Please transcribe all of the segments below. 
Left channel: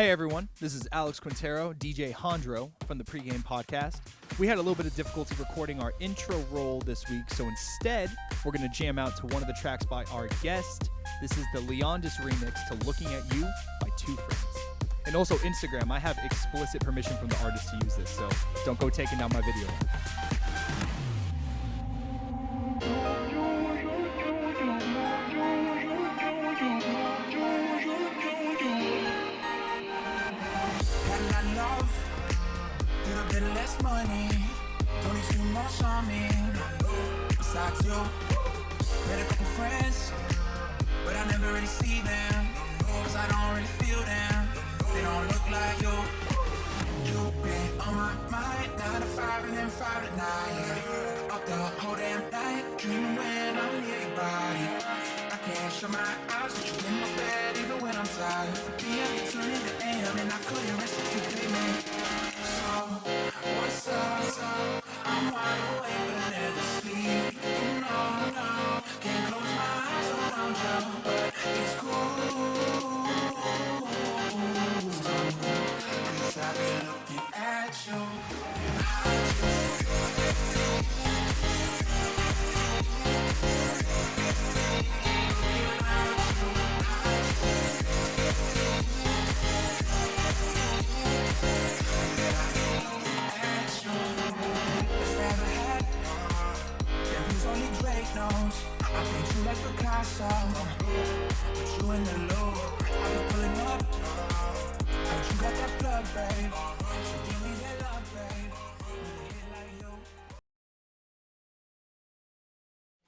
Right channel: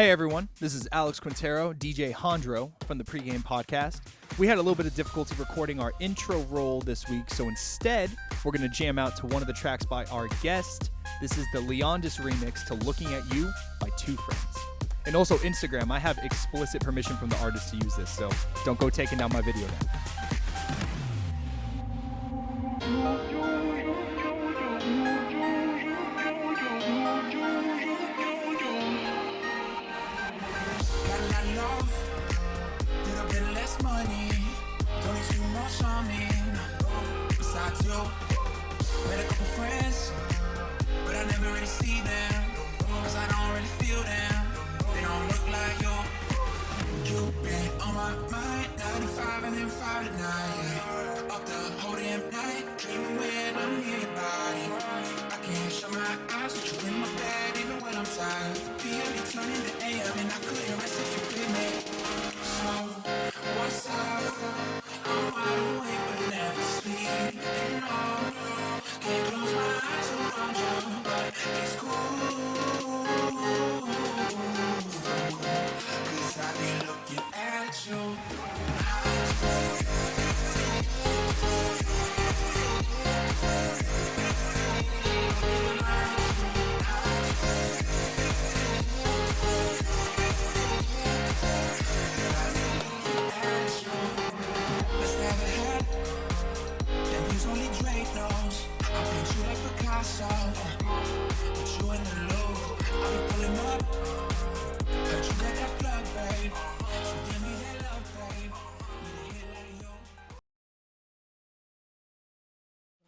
Hey everyone, this is Alex Quintero, DJ Hondro from the Pregame podcast. We had a little bit of difficulty recording our intro roll this week, so instead, we're going to jam out to one of the tracks by our guest. This is the Leondis remix to Looking at You by Two Friends. And also Instagram, I have explicit permission from the artist to use this, so don't go taking down my video. Got a lot of love, little bit less money. Don't need too much on me. Besides you, met a couple friends, but I never really see them. Cause I don't really feel them. They don't look like you. You've been on my mind, 9 to 5 and then 5 at night, yeah. Up the whole damn night, dreaming when I'm near your body. I can't shut my eyes with you in my bed, even when I'm tired. The PM you turn into AM and I couldn't rest if you pay me. So, what's up? I'm wide awake but never sleep. And no, can't close my eyes around you, but it's cool. Cause I be looking at you. I paint you like Picasso, put you in the loop. I'll be pulling up. Heard you got that plug, babe. So give me that love, babe. Need a hit like you.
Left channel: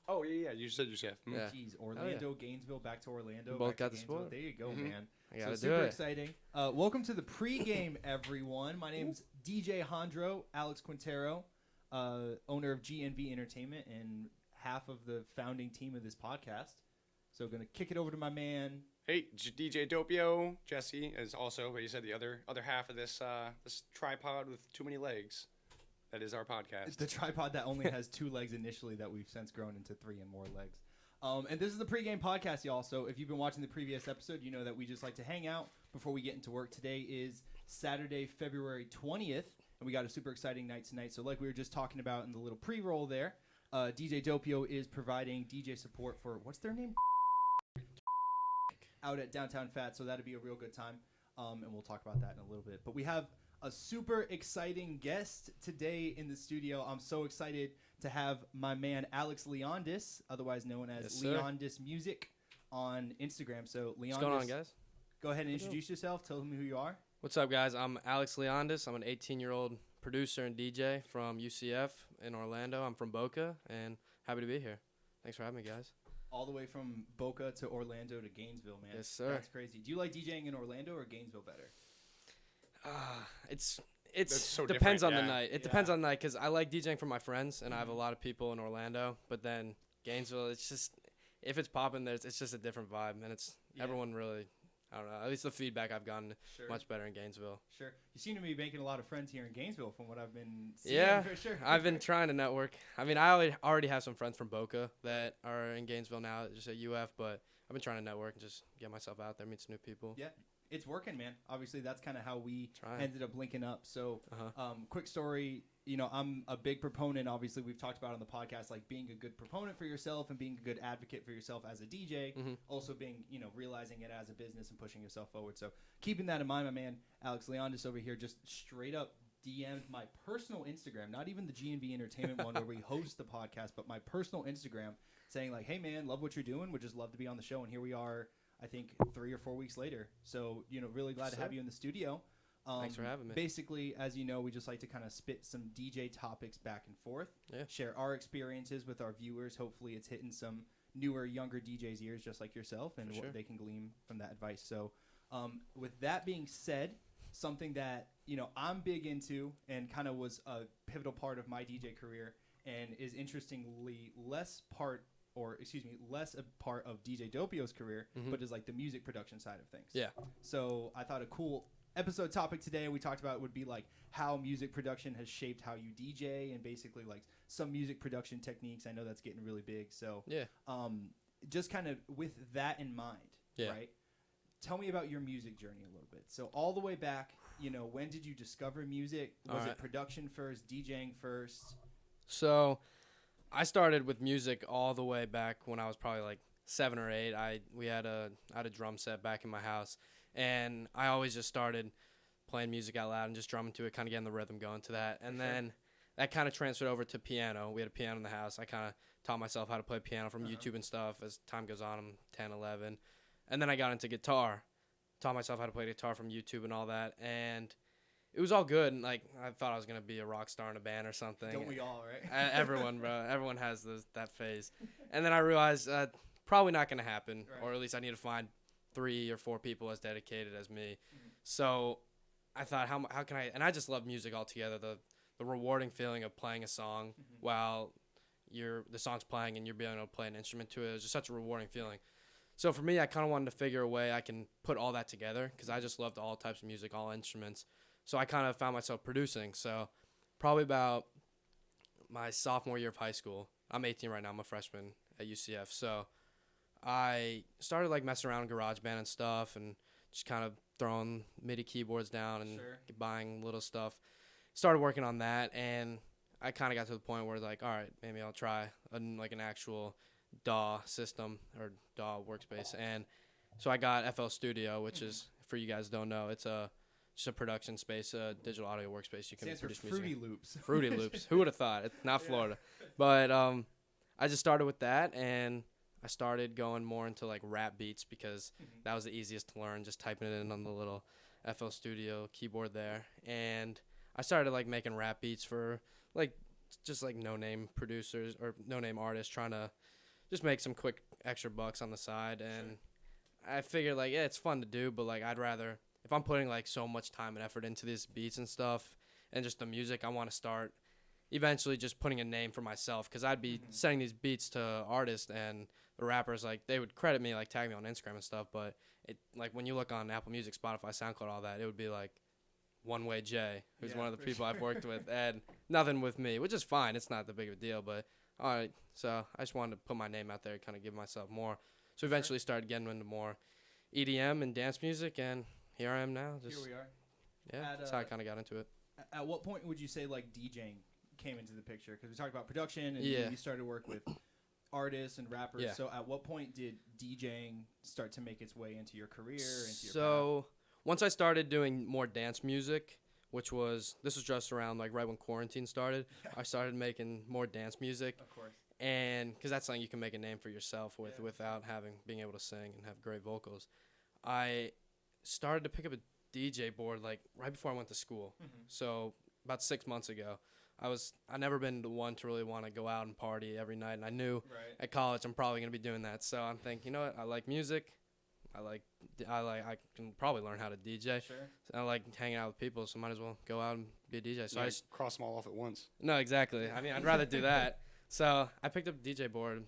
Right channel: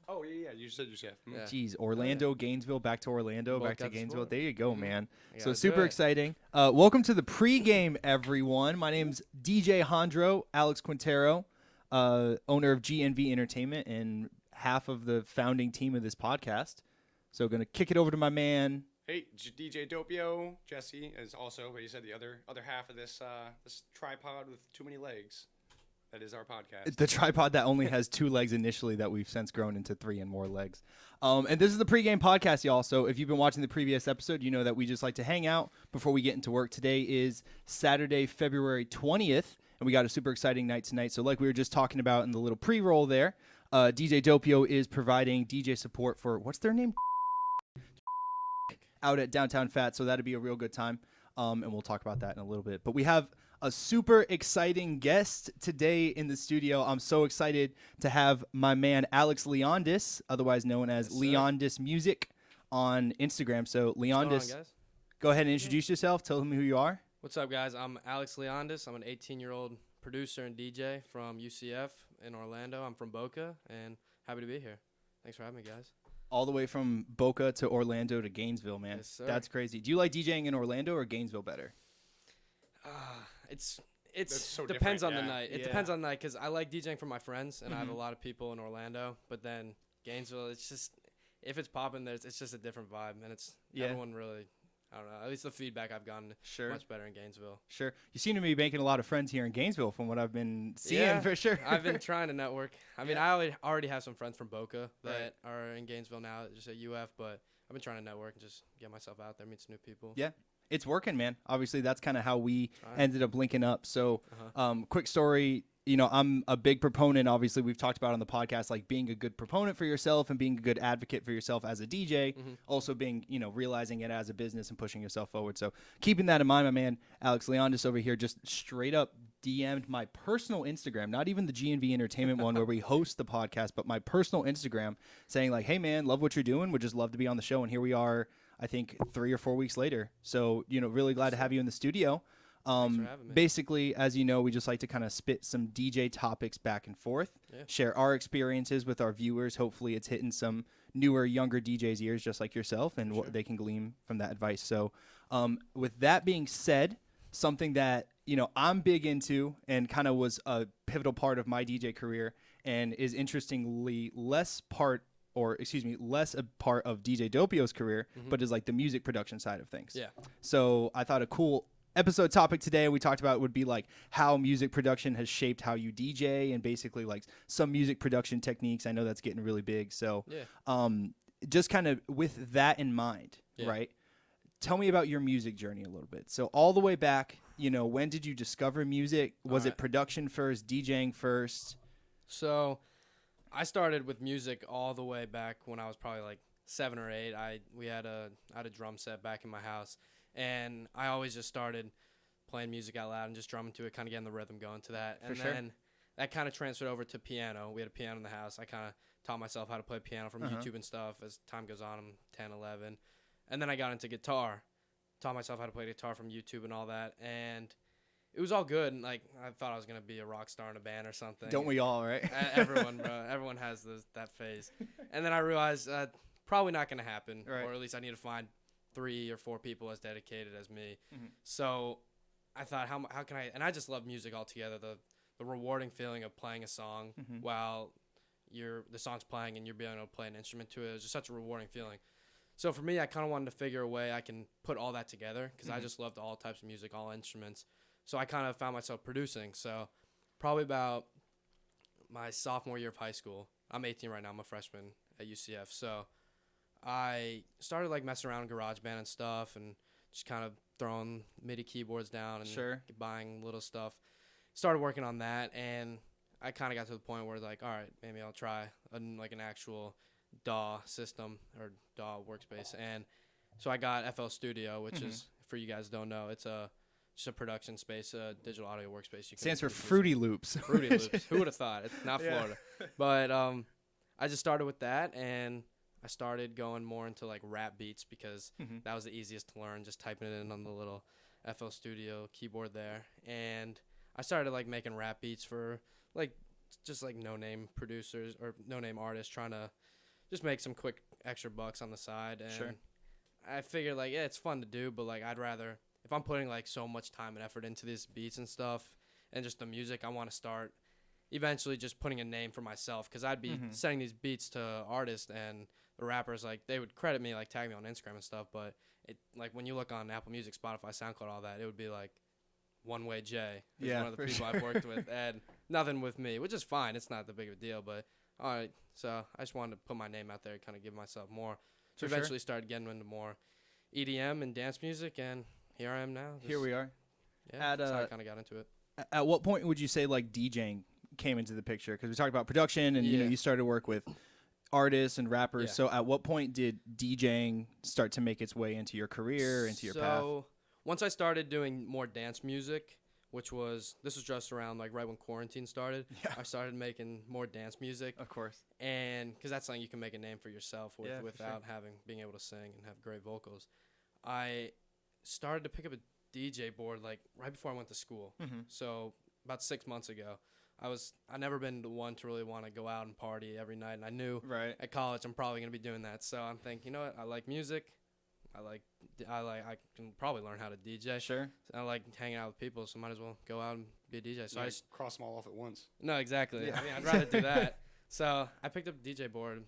Oh yeah, you said you said. Yeah. Jeez, Orlando, Gainesville, back to Orlando, Both back to got the Gainesville. sport. There you go, man. So gotta super do it. exciting. Welcome to the pregame, everyone. My name's DJ Hondro, Alex Quintero, owner of GNV Entertainment and half of the founding team of this podcast. So going to kick it over to my man. Hey, DJ Dopio. Jesse is also, but you said the other half of this this tripod with too many legs. That is our podcast. The tripod that only has 2 legs initially that we've since grown into 3 and more legs. And this is the pregame podcast, y'all. So if you've been watching the previous episode, you know that we just like to hang out before we get into work. Today is Saturday, February 20th, and we got a super exciting night tonight. So like we were just talking about in the little pre-roll there, DJ Dopio is providing DJ support for, what's their name? Out at Downtown Fat, so that'd be a real good time. And we'll talk about that in a little bit. But we have a super exciting guest today in the studio. I'm so excited to have my man Alex Leondis, otherwise known as Leondis Music on Instagram. So Leondis, What's going on, guys? go ahead and introduce yourself. Tell them who you are. What's up, guys? I'm Alex Leondis. I'm an 18-year-old producer and DJ from UCF in Orlando. I'm from Boca, and happy to be here. Thanks for having me, guys. All the way from Boca to Orlando to Gainesville, man. Yes, sir. That's crazy. Do you like DJing in Orlando or Gainesville better? It's so depends on different, the yeah. night. It depends on the night because I like DJing for my friends, and I have a lot of people in Orlando. But then Gainesville, it's just if it's popping there, it's just a different vibe, and it's everyone really. I don't know. At least the feedback I've gotten much better in Gainesville. Sure. You seem to be making a lot of friends here in Gainesville from what I've been seeing, Yeah, for sure. I've been trying to network. I mean, I already have some friends from Boca that are in Gainesville now, just at UF, but I've been trying to network and just get myself out there, meet some new people. Yeah, it's working, man. Obviously, that's kind of how we Trying. ended up linking up. So, quick story. You know, I'm a big proponent. Obviously, we've talked about on the podcast, like being a good proponent for yourself and being a good advocate for yourself as a DJ. Also being, you know, realizing it as a business and pushing yourself forward. So keeping that in mind, my man, Alex Leondis over here just straight up DM'd my personal Instagram, not even the GNV Entertainment one where we host the podcast, but my personal Instagram saying like, hey, man, love what you're doing. Would just love to be on the show. And here we are, I think 3 or 4 weeks later. So, you know, really glad to have you in the studio. Thanks for having me. Basically, as you know, we just like to kind of spit some DJ topics back and forth, share our experiences with our viewers. Hopefully it's hitting some newer, younger DJs' ears just like yourself and what they can glean from that advice. So with that being said, something that, you know, I'm big into and kind of was a pivotal part of my DJ career and is interestingly less a part of DJ Dopio's career, but is like the music production side of things. Yeah. So I thought a cool episode topic today we talked about would be like how music production has shaped how you DJ and basically like some music production techniques. I know that's getting really big. So just kind of with that in mind, right? tell me about your music journey a little bit. So all the way back, when did you discover music? Was it production first, DJing first? So I started with music all the way back when I was probably like 7 or 8. I had a drum set back in my house, and I always just started playing music out loud and just drumming to it, kind of getting the rhythm going to that. And then that kind of transferred over to piano. We had a piano in the house. I kind of taught myself how to play piano from YouTube and stuff. As time goes on, I'm 10, 11. And then I got into guitar. Taught myself how to play guitar from YouTube and all that. And it was all good. And, like, I thought I was going to be a rock star in a band or something. Don't we all, right? Everyone, bro. Everyone has that phase. And then I realized probably not going to happen. Right. Or at least I need to find 3 or 4 people as dedicated as me. So I thought, how can I? And I just love music altogether. The rewarding feeling of playing a song while the song's playing and you're being able to play an instrument to it. It was just such a rewarding feeling. So for me, I kind of wanted to figure a way I can put all that together because I just loved all types of music, all instruments. So I kind of found myself producing. So probably about my sophomore year of high school. I'm 18 right now. I'm a freshman at UCF. So I started like messing around in GarageBand and stuff and just kind of throwing MIDI keyboards down and buying little stuff. Started working on that, and I kind of got to the point where like, all right, maybe I'll try an actual DAW system or DAW workspace. And so I got FL Studio, which is, for you guys who don't know, it's just a production space, a digital audio workspace. You can stands for Fruity Loops. Fruity Loops. Who would have thought? It's not Florida. But I just started with that, and I started going more into like rap beats because that was the easiest to learn, just typing it in on the little FL Studio keyboard there. And I started like making rap beats for like just like no-name producers or no-name artists trying to just make some quick extra bucks on the side. And I figured like, yeah, it's fun to do, but like I'd rather, if I'm putting like so much time and effort into these beats and stuff and just the music, I want to start eventually just putting a name for myself because I'd be sending these beats to artists and the rappers, like they would credit me, like tag me on Instagram and stuff, but it like when you look on Apple Music, Spotify, SoundCloud, all that, it would be like One Way J, who's one of the people I've worked with, and nothing with me, which is fine. It's not the big of a deal, but all right. So I just wanted to put my name out there, kind of give myself more. So eventually started getting into more EDM and dance music, and here I am now. Here we are. Yeah, that's how I kind of got into it. At what point would you say like DJing came into the picture? Because we talked about production, and you started work with artists and rappers. So at what point did DJing start to make its way into your career, into your path? Once I started doing more dance music, this was just around like right when quarantine started, I started making more dance music. Of course. And because that's something you can make a name for yourself with without being able to sing and have great vocals. I started to pick up a DJ board like right before I went to school. So about 6 months ago. I never been the one to really want to go out and party every night, and I knew at college I'm probably gonna be doing that. So I'm thinking, you know what? I like music. I can probably learn how to DJ. Sure. I like hanging out with people, so might as well go out and be a DJ. So I just cross them all off at once. No, exactly. I mean, I'd rather do that. So I picked up a DJ board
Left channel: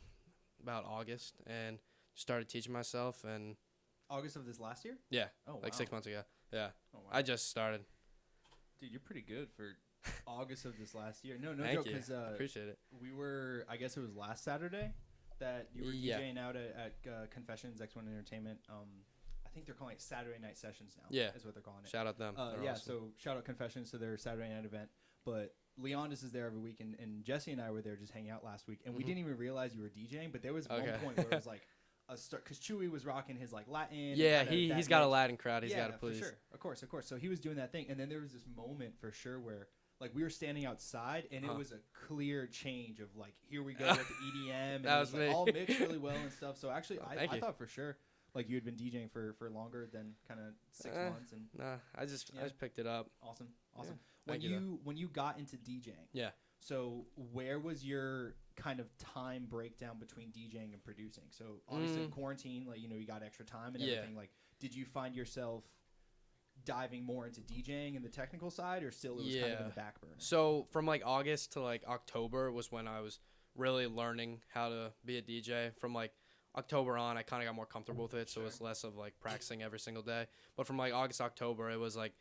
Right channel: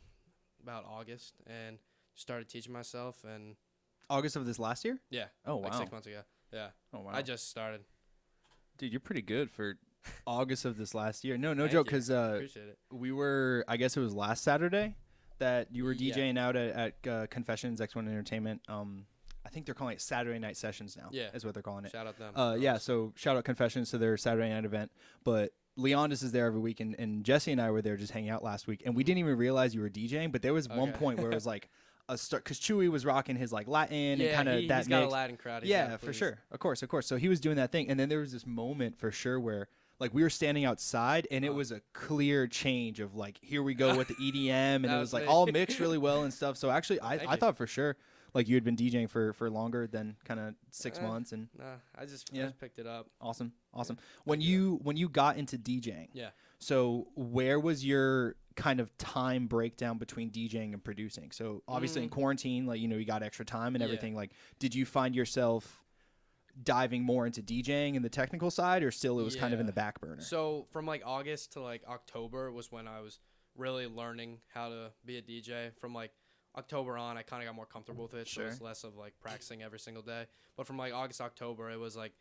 about August and started teaching myself. And August of this last year? Yeah. Oh, wow. Like 6 months ago. Yeah. Oh, wow. I just started. Dude, you're pretty good for August of this last year. No joke, because appreciate it. We were, I guess it was last Saturday that you were DJing out at Confessions, X1 Entertainment. I think they're calling it Saturday Night Sessions now. Yeah, is what they're calling it. Shout out them. Awesome. So shout out Confessions to their Saturday night event. But Leondis is there every week, and Jesse and I were there just hanging out last week, and we didn't even realize you were DJing. But there was one point where it was like a start, because Chewy was rocking his like Latin. Yeah, he's got a Latin crowd. For sure, of course. So he was doing that thing, and then there was this moment for sure where like we were standing outside, and it was a clear change of like, here we go with the EDM, and it was like all mixed really well and stuff. So actually, I thought for sure like you had been DJing for longer than kind of 6 months. And nah, I just picked it up. Awesome. When you got into DJing, so where was your kind of time breakdown between DJing and producing? So obviously in quarantine, like, you know, you got extra time and everything. Like, did you find yourself diving more into DJing and the technical side, or still it was kind of in the back burner? So from like August to like October was when I was really learning how to be a DJ. From like October on, I kind of got more comfortable with it, so it was less of like practicing every single day. But from like August, October, it was like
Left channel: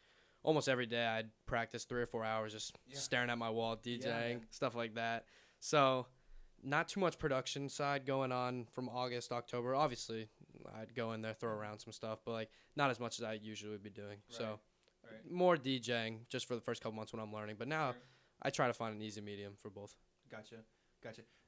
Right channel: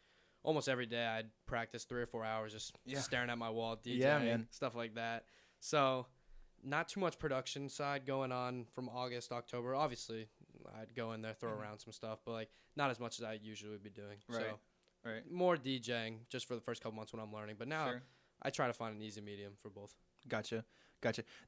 almost every day I'd practice 3 or 4 hours just staring at my wall, DJing, stuff like that. So not too much production side going on from August, October. Obviously, I'd go in there, throw around some stuff, but like not as much as I usually would be doing. Right. So Right. more DJing just for the first couple months when I'm learning. But now Sure. I try to find an easy medium for both. Gotcha.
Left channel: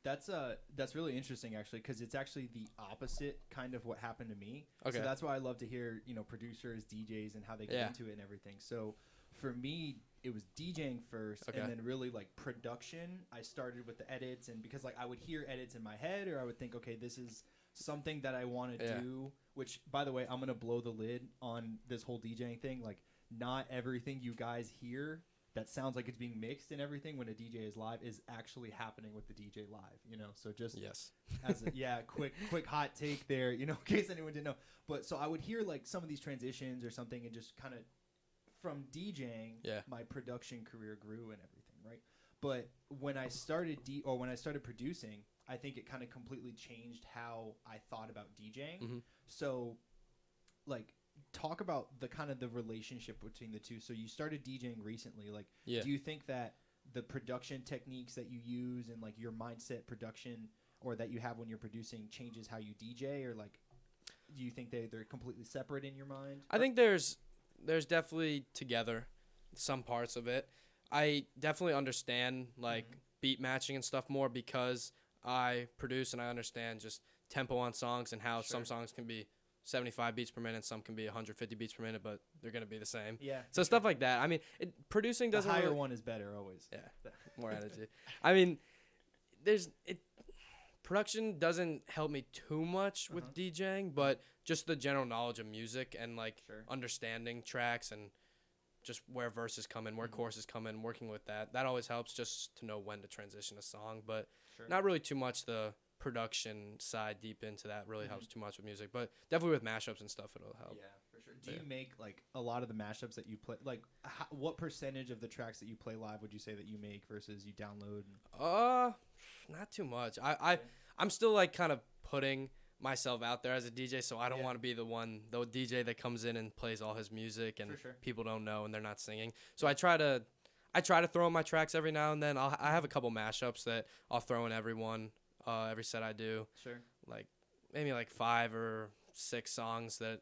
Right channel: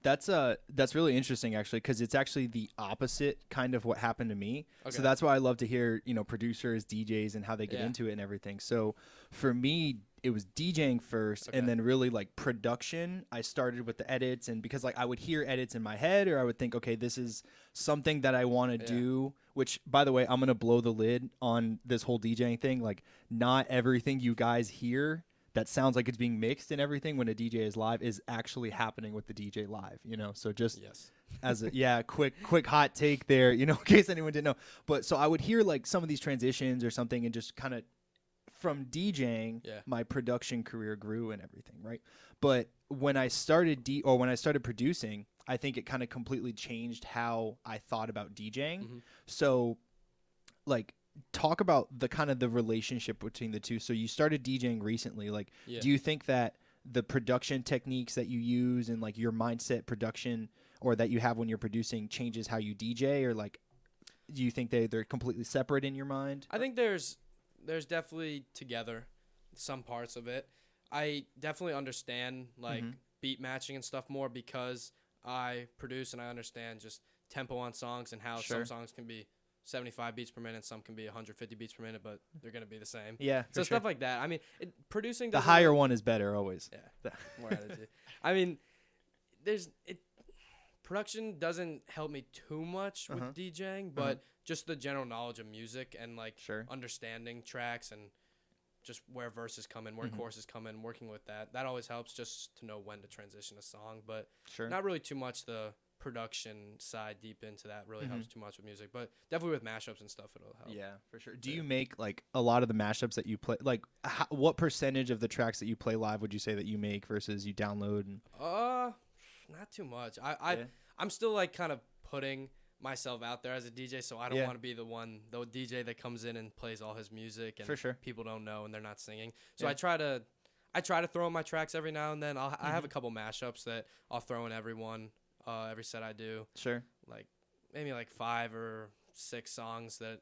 That's really interesting actually, because it's actually the opposite kind of what happened to me. Okay. So that's why I love to hear, you know, producers, DJs, and how they get Yeah. into it and everything. So for me, it was DJing first, Okay. and then really like production. I started with the edits, and because like I would hear edits in my head, or I would think, okay, this is something that I want to Yeah. do. Which, by the way, I'm gonna blow the lid on this whole DJing thing. Like, not everything you guys hear that sounds like it's being mixed and everything when a DJ is live is actually happening with the DJ live, you know? So just Yes. as a quick hot take there, you know, in case anyone didn't know. But so I would hear like some of these transitions or something, and just kind of from DJing, Yeah. my production career grew and everything, right? But when I started when I started producing, I think it kind of completely changed how I thought about DJing. Mhm. So like talk about the kind of the relationship between the two. So you started DJing recently. Like, Yeah. do you think that the production techniques that you use and like your mindset production or that you have when you're producing changes how you DJ, or like, do you think they're completely separate in your mind? I think there's definitely together some parts of it. I definitely understand like Mhm. beat matching and stuff more because I produce and I understand just tempo on songs and how some Sure. songs can be 75 beats per minute, some can be 150 beats per minute, but they're going to be the same. Yeah. So stuff like that. I mean, producing the doesn't higher really- one is better always. Yeah, more energy. I mean, production doesn't help me too much with DJing, but just the general knowledge of music and like Sure. understanding tracks and just where verses come in, where choruses come in, working with that always helps just to know when to transition a song, but Sure. not really too much the production side deep into that really helps too much with music, but definitely with mashups and stuff it'll help. Yeah, for sure. Do you make like a lot of the mashups that you play? Like, what percentage of the tracks that you play live would you say that you make versus you download? And Not too much. I'm still like kind of putting myself out there as a DJ, so I don't want to be the DJ that comes in and plays all his music and For sure. people don't know and they're not singing. So I try to throw in my tracks every now and then. I have a couple mashups that I'll throw in every set I do. Sure. Like maybe like 5 or 6 songs that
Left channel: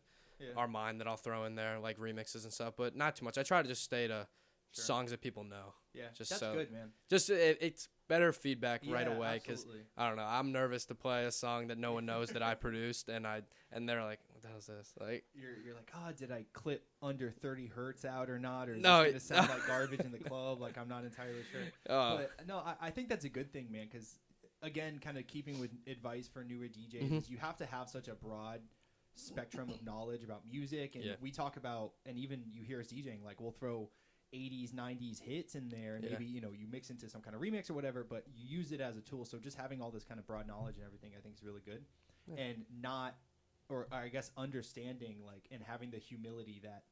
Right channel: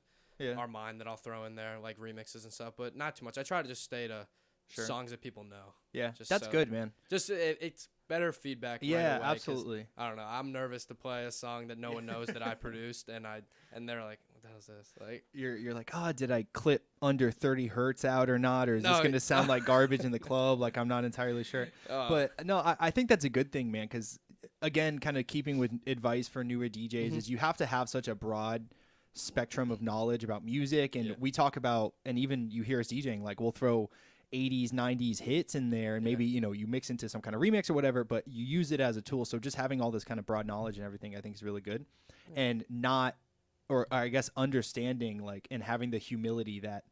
are mine that I'll throw in there, like remixes and stuff, but not too much. I try to just stay to songs that people know. Yeah, Just that's so- good, man. Just it's better feedback right Yeah, away because absolutely. I don't know. I'm nervous to play a song that no one knows that I produced, and they're like, "What the hell is this?" Like, You're like, did I clip under 30 hertz out or not, or is No, this gonna sound like garbage in the club? Like, I'm not entirely sure. But no, I think that's a good thing, man. Because again, kind of keeping with advice for newer DJs, is you have to have such a broad spectrum of knowledge about music, and we talk about, and even you hear us DJing, like we'll throw 80s 90s hits in there, and maybe you mix into some kind of remix or whatever, but you use it as a tool. So just having all this kind of broad knowledge and everything I think is really good. And not, or I guess understanding like, and having the humility that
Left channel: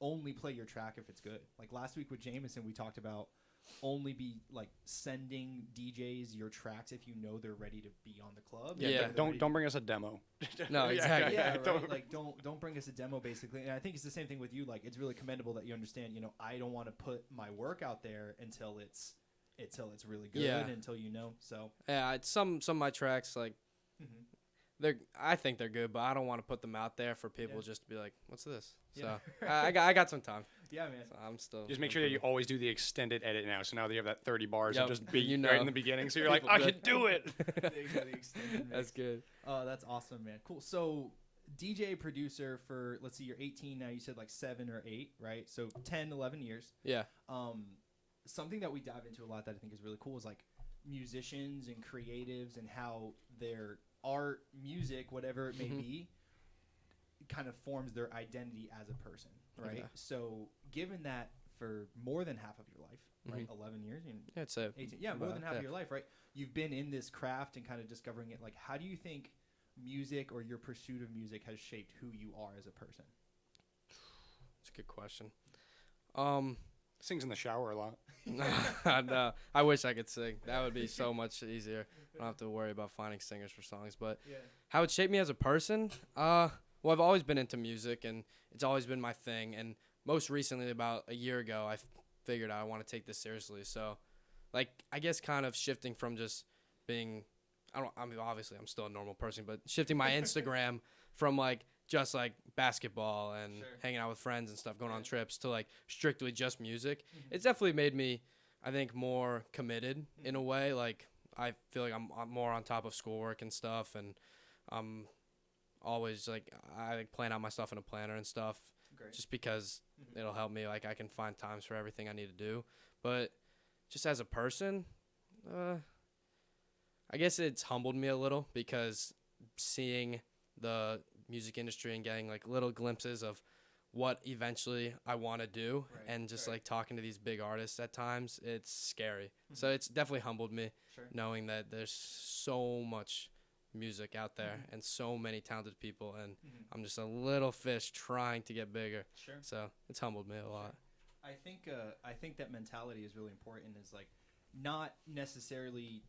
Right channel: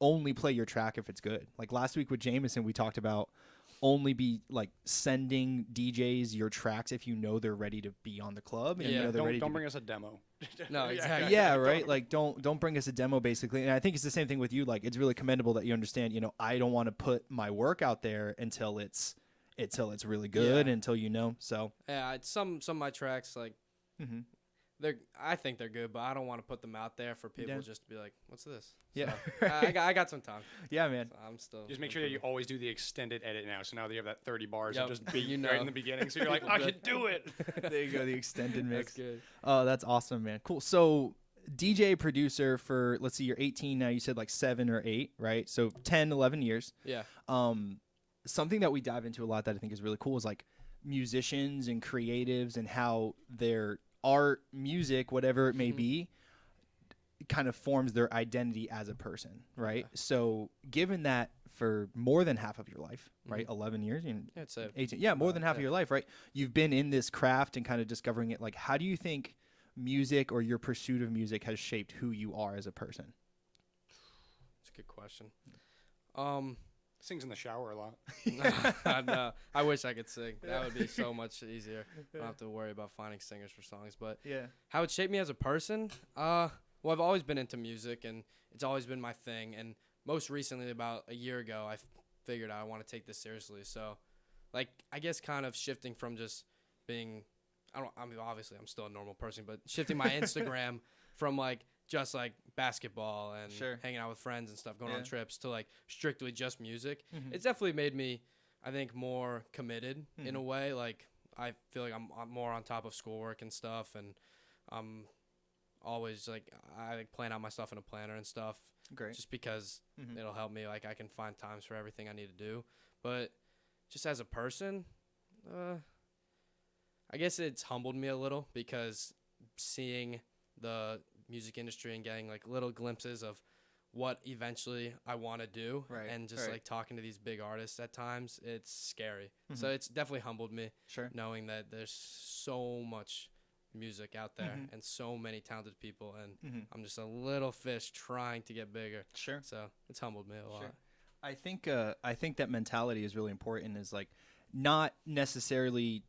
only play your track if it's good. Like last week with Jameson, we talked about only be like sending DJs your tracks if you know they're ready to be on the club. and Yeah. know they're ready Don't to- bring us a demo. No, exactly. yeah, right. Like don't bring us a demo basically. And I think it's the same thing with you. Like it's really commendable that you understand, I don't want to put my work out there until it's really good, until so yeah, some of my tracks like I think they're good, but I don't want to put them out there for people just to be like, "What's this?" Yeah. So I got some time. yeah, man. So I'm still Just make sure that you always do the extended edit now. So now that you have that 30 bars Yep. and just beat You right know. in the beginning. So you're like, People I good. can do it. There you go, the extended mix. That's good. Oh, that's awesome, man. Cool. So DJ producer for, let's see, you're 18 now. You said like 7 or 8, right? So 10, 11 years. Yeah. Something that we dive into a lot that I think is really cool is like musicians and creatives and how their art, music, whatever it may be, kind of forms their identity as a person, right? Okay. So given that for more than half of your life, right? 11 years, Yeah, it's a 18, more than half of your life, right? You've been in this craft and kind of discovering it. Like, how do you think music or your pursuit of music has shaped who you are as a person? It's a good question. Sings in the shower a lot. No, I wish I could sing. That would be so much easier. I don't have to worry about finding singers for songs. But how it shaped me as a person? Well, I've always been into music, and it's always been my thing. And most recently, about a year ago, I figured I want to take this seriously. So, like, I guess kind of shifting from just being, obviously I'm still a normal person, but shifting my Instagram from like just like basketball and Sure. hanging out with friends and stuff, going on Yeah. trips to like strictly just music. It's definitely made me, I think, more committed in a way. Like I feel like I'm more on top of schoolwork and stuff, and I'm always like I like plan out my stuff in a planner and stuff. Great. Just because it'll help me. Like I can find times for everything I need to do. But just as a person, I guess it's humbled me a little because seeing the music industry and getting like little glimpses of what eventually I want to do, Right, and just right. like talking to these big artists at times, it's scary. So it's definitely humbled me Sure. knowing that there's so much music out there and so many talented people, and I'm just a little fish trying to get bigger. Sure. So it's humbled me a lot. I think that mentality is really important. Is like not necessarily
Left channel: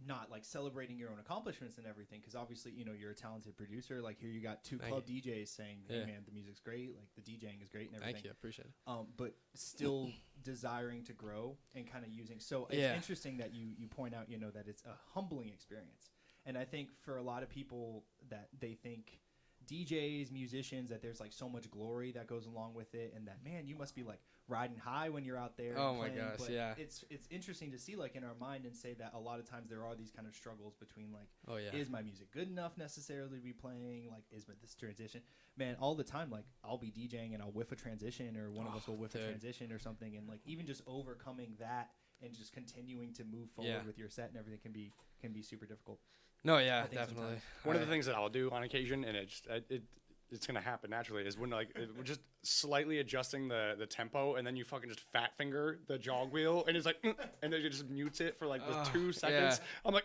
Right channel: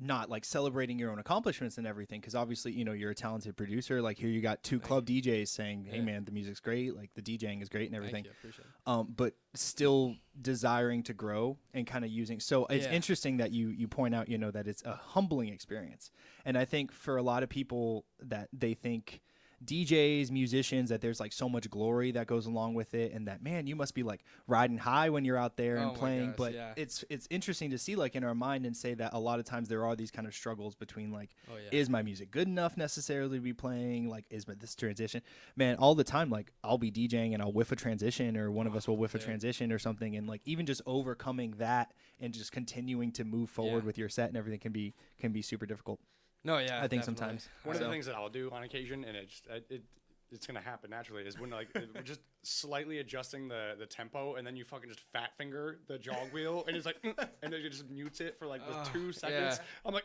not like celebrating your own accomplishments and everything, because obviously you're a talented producer. Like here you got two club DJs saying, "Hey man, the music's great. Like the DJing is great and everything." Thank you, appreciate it. But still desiring to grow and kind of using. So it's interesting that you point out that it's a humbling experience. And I think for a lot of people that they think DJs, musicians, that there's like so much glory that goes along with it, and that man, you must be like riding high when you're out there and playing. Gosh, but yeah. it's interesting to see like in our mind and say that a lot of times there are these kind of struggles between like, is my music good enough necessarily to be playing? Like, is this transition? Man, all the time, like I'll be DJing and I'll whiff a transition, or one of us will whiff a transition or something, and like even just overcoming that and just continuing to move forward with your set and everything can be super difficult. No, yeah, I think definitely. sometimes. One of the things that I'll do on occasion, and it's gonna happen naturally, is when like just slightly adjusting the tempo, and then you fucking just fat finger the jog wheel, and it's like, and then you just mutes it for like the 2 seconds. I'm like,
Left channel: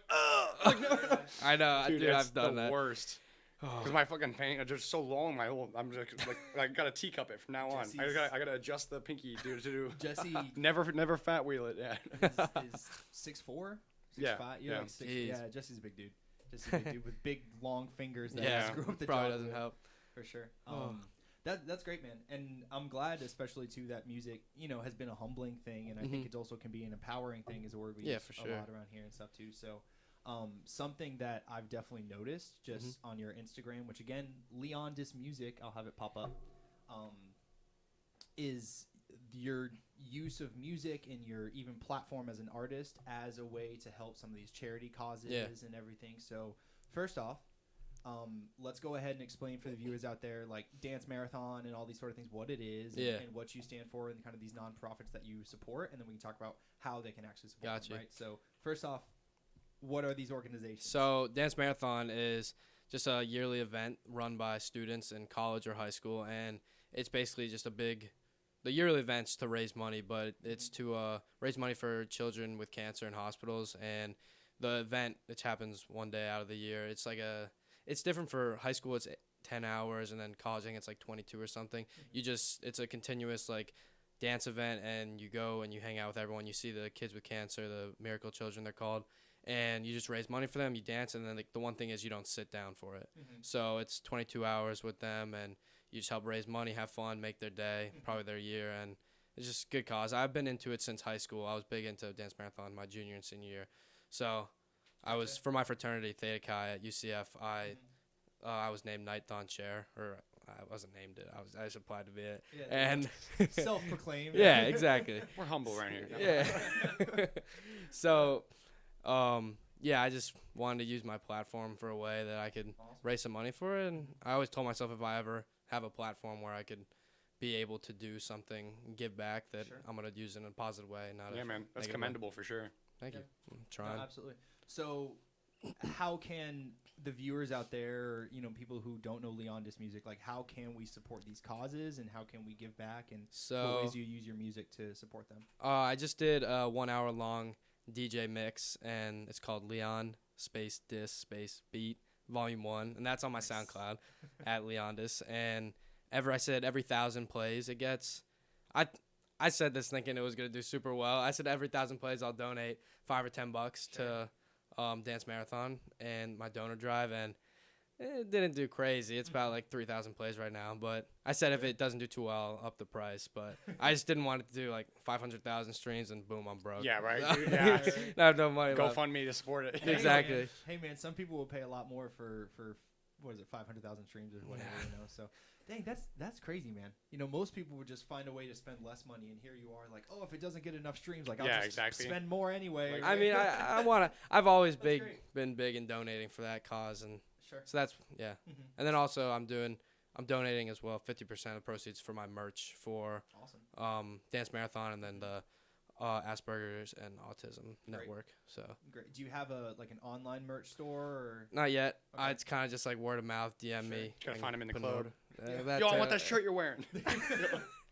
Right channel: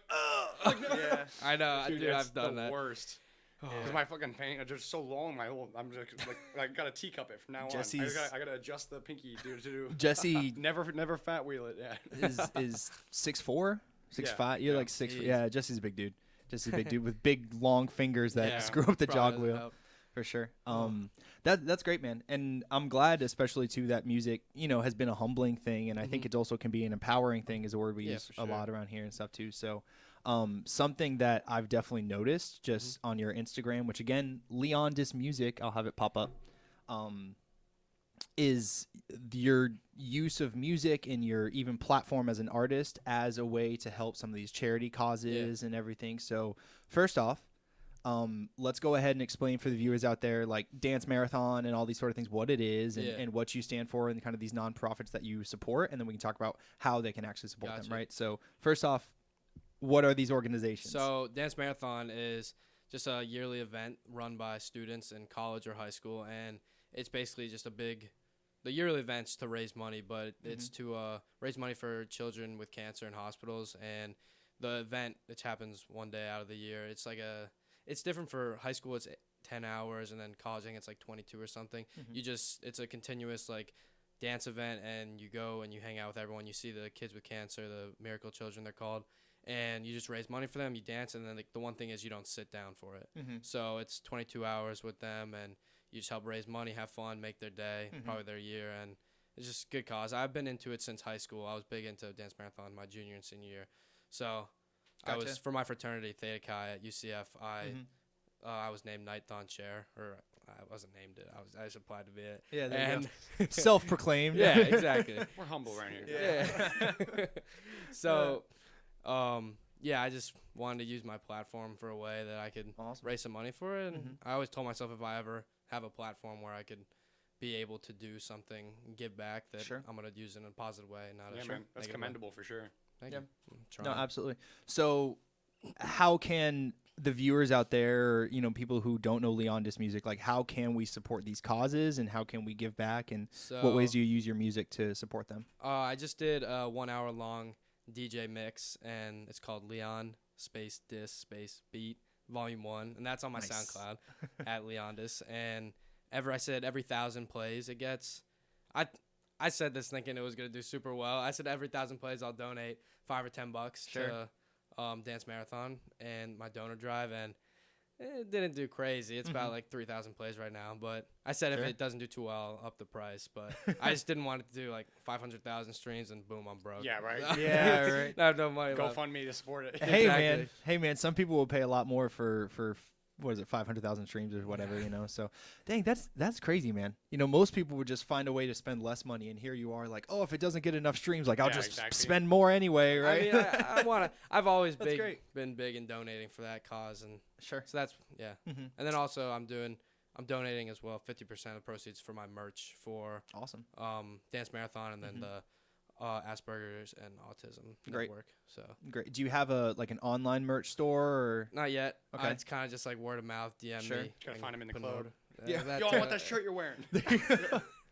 like, no. I know, dude, that's I've done the that. worst. Because my fucking paint are just so long. I'm just like I gotta teacup it from now on. I gotta adjust the pinky to Jesse never fat wheel it. Yeah. is 6'4", 6'5". You're yeah. like 6. Jeez. Yeah, Jesse's a big dude. Jesse's a big dude with big long fingers that screw up the Probably jog doesn't wheel. help. For sure. That's great, man. And I'm glad, especially too, that music, has been a humbling thing, and I think it also can be an empowering thing, is a word we use for a sure. lot around here and stuff too. So, something that I've definitely noticed just on your Instagram, which again, Leondis Music, I'll have it pop up, is your use of music and your even platform as an artist as a way to help some of these charity causes and everything. So first off, let's go ahead and explain for the viewers out there, like Dance Marathon and all these sort of things, what it is and what you stand for, and kind of these nonprofits that you support, and then we can talk about how they can actually support them, right? So first off, what are these organizations? So Dance Marathon is just a yearly event run by students in college or high school, and it's basically just the yearly event's to raise money, but it's to raise money for children with cancer in hospitals. And the event, which happens one day out of the year, it's different for high school. It's 10 hours, and then college, I think it's like 22 or something. It's a continuous like dance event, and you go and you hang out with everyone. You see the kids with cancer, the miracle children they're called, and you just raise money for them. You dance, and then the one thing is you don't sit down for it. So it's 22 hours with them, and you just help raise money, have fun, make their day, probably their year, and it's just a good cause. I've been into it since high school. I was big into Dance Marathon my junior and senior year. So I was, for my fraternity, Theta Chi at UCF, I was named Night Dawn Chair, or I wasn't named it. I just applied to be it. Yeah, and self-proclaimed. Yeah, exactly. We're humble around here. Yeah. So, I just wanted to use my platform for a way that I could raise some money for it. And I always told myself if I ever have a platform where I could be able to do something, give back, that I'm going to use it in a positive way. Not man. That's commendable for sure. Thank you. I'm trying. No, absolutely. So how can the viewers out there, people who don't know Leondis Music, like how can we support these causes, and how can we give back, and what ways do you use your music to support them? I just did a 1 hour long DJ mix, and it's called Leon space Dis space Beat Volume 1, and that's on my SoundCloud at Leondis. And I said every 1,000 plays it gets, I said this thinking it was gonna do super well. I said every 1,000 plays I'll donate $5 or $10 to Dance Marathon and my donor drive, and it didn't do crazy. It's about like 3,000 plays right now, but I said if it doesn't do too well, I'll up the price. But I just didn't want it to do like 500,000 streams and boom, I'm broke. Yeah, right. Yeah, right. I have no money left. GoFundMe to support it. Exactly. Hey man, some people will pay a lot more for what is it, 500,000 streams or whatever, So, dang, that's crazy, man. Most people would just find a way to spend less money, and here you are, like, oh, if it doesn't get enough streams, like, I'll just spend more anyway. Right? I mean, I've always been big in donating for that cause, and sure. So that's And then also I'm donating as well 50% of proceeds for my merch for Dance Marathon, and then the Asperger's and Autism Network. So great. Do you have an online merch store or not yet? Okay. It's kind of just like word of mouth. DM me. Gotta find him in the club. Yo, I want that shirt you're wearing.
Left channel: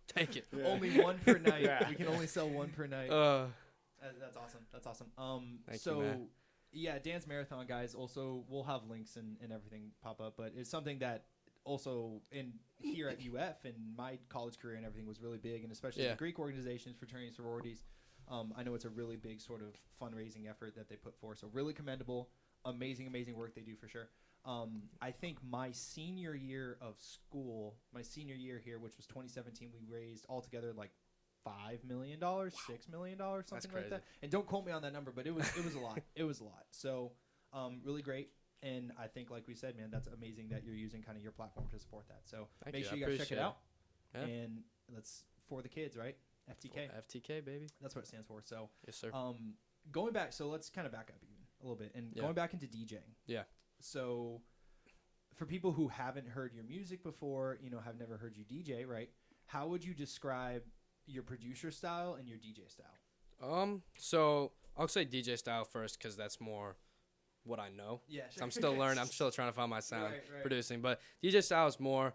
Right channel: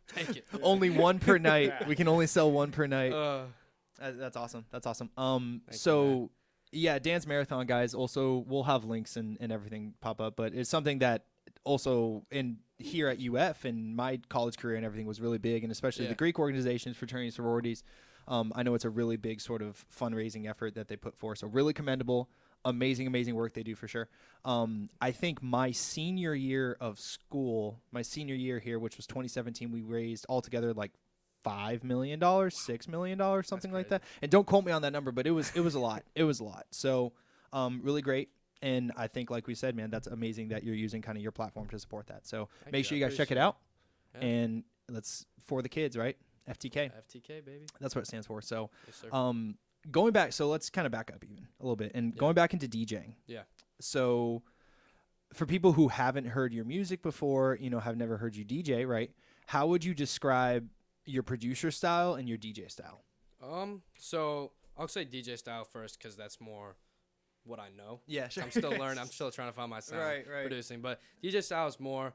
Take it. Yeah. Only one per night. Yeah. We can only sell one per night. That's awesome. So yeah, Dance Marathon guys. Also, we'll have links and everything pop up, but it's something that also here at UF and my college career and everything was really big, and especially the Greek organizations, fraternities, sororities. I know it's a really big sort of fundraising effort that they put forth. So really commendable, amazing work they do for sure. I think my senior year of school, here, which was 2017, we raised altogether like $5 million, $6 million, something like that. And don't quote me on that number, but it was a lot. It was a lot. So really great. And I think, like we said, man, that's amazing that you're using kind of your platform to support that. So make sure you guys check it out. Yeah. And for the kids, right? FTK. FTK, baby. That's what it stands for. So, yes, sir. Going back, so let's kind of back up even a little bit and going back into DJing. Yeah. So for people who haven't heard your music before, have never heard you DJ, right? How would you describe your producer style and your DJ style? So I'll say DJ style first because that's more what I know. Yeah, sure. So I'm still learning. I'm still trying to find my sound producing. But DJ style is more,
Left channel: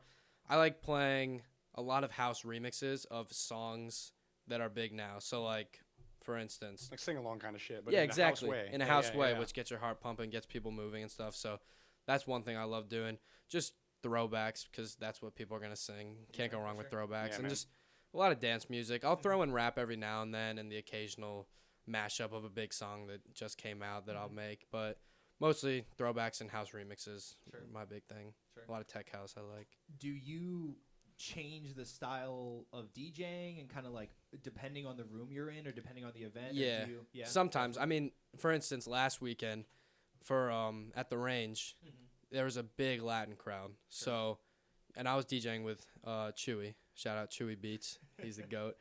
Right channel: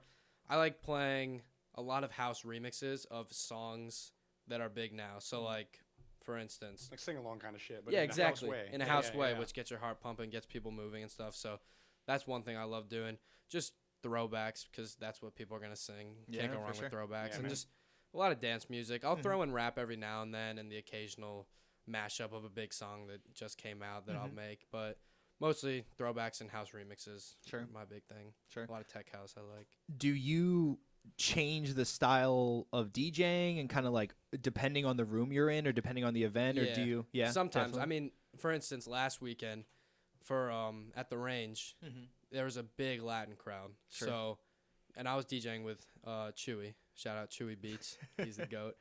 I like playing a lot of house remixes of songs that are big now. So like, for instance, like sing along kind of shit, but exactly. In a house way, which gets your heart pumping, gets people moving and stuff. So that's one thing I love doing. Just throwbacks, because that's what people are gonna sing. Can't go wrong with throwbacks, and just a lot of dance music. I'll throw in rap every now and then, and the occasional mashup of a big song that just came out that I'll make. But mostly throwbacks and house remixes. Sure, my big thing. Sure, a lot of tech house I like. Do you change the style of DJing and kind of like depending on the room you're in or depending on the event? Yeah, or do you, sometimes. Definitely. I mean, for instance, last weekend for at the range, there was a big Latin crowd. Sure. So, and I was DJing with Chewy. Shout out Chewy Beats. He's the GOAT.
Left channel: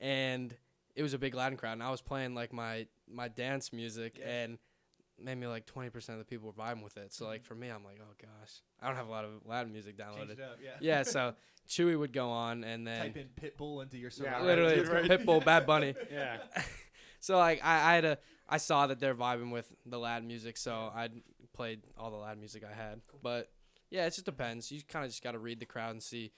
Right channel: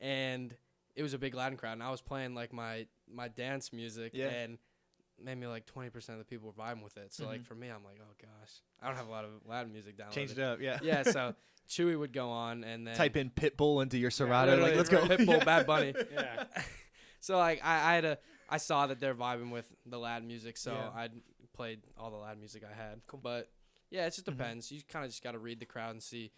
And it was a big Latin crowd, and I was playing like my dance music, and maybe like 20% of the people were vibing with it. So like for me, I'm like, oh gosh, I don't have a lot of Latin music downloaded. Change it up, yeah. So Chewy would go on and then type in Pitbull into your surroundings. Literally, it's Pitbull, Bad Bunny. Yeah. So like I saw that they're vibing with the Latin music, so I played all the Latin music I had. Cool. But yeah, it just depends. You kind of just got to read the crowd and see,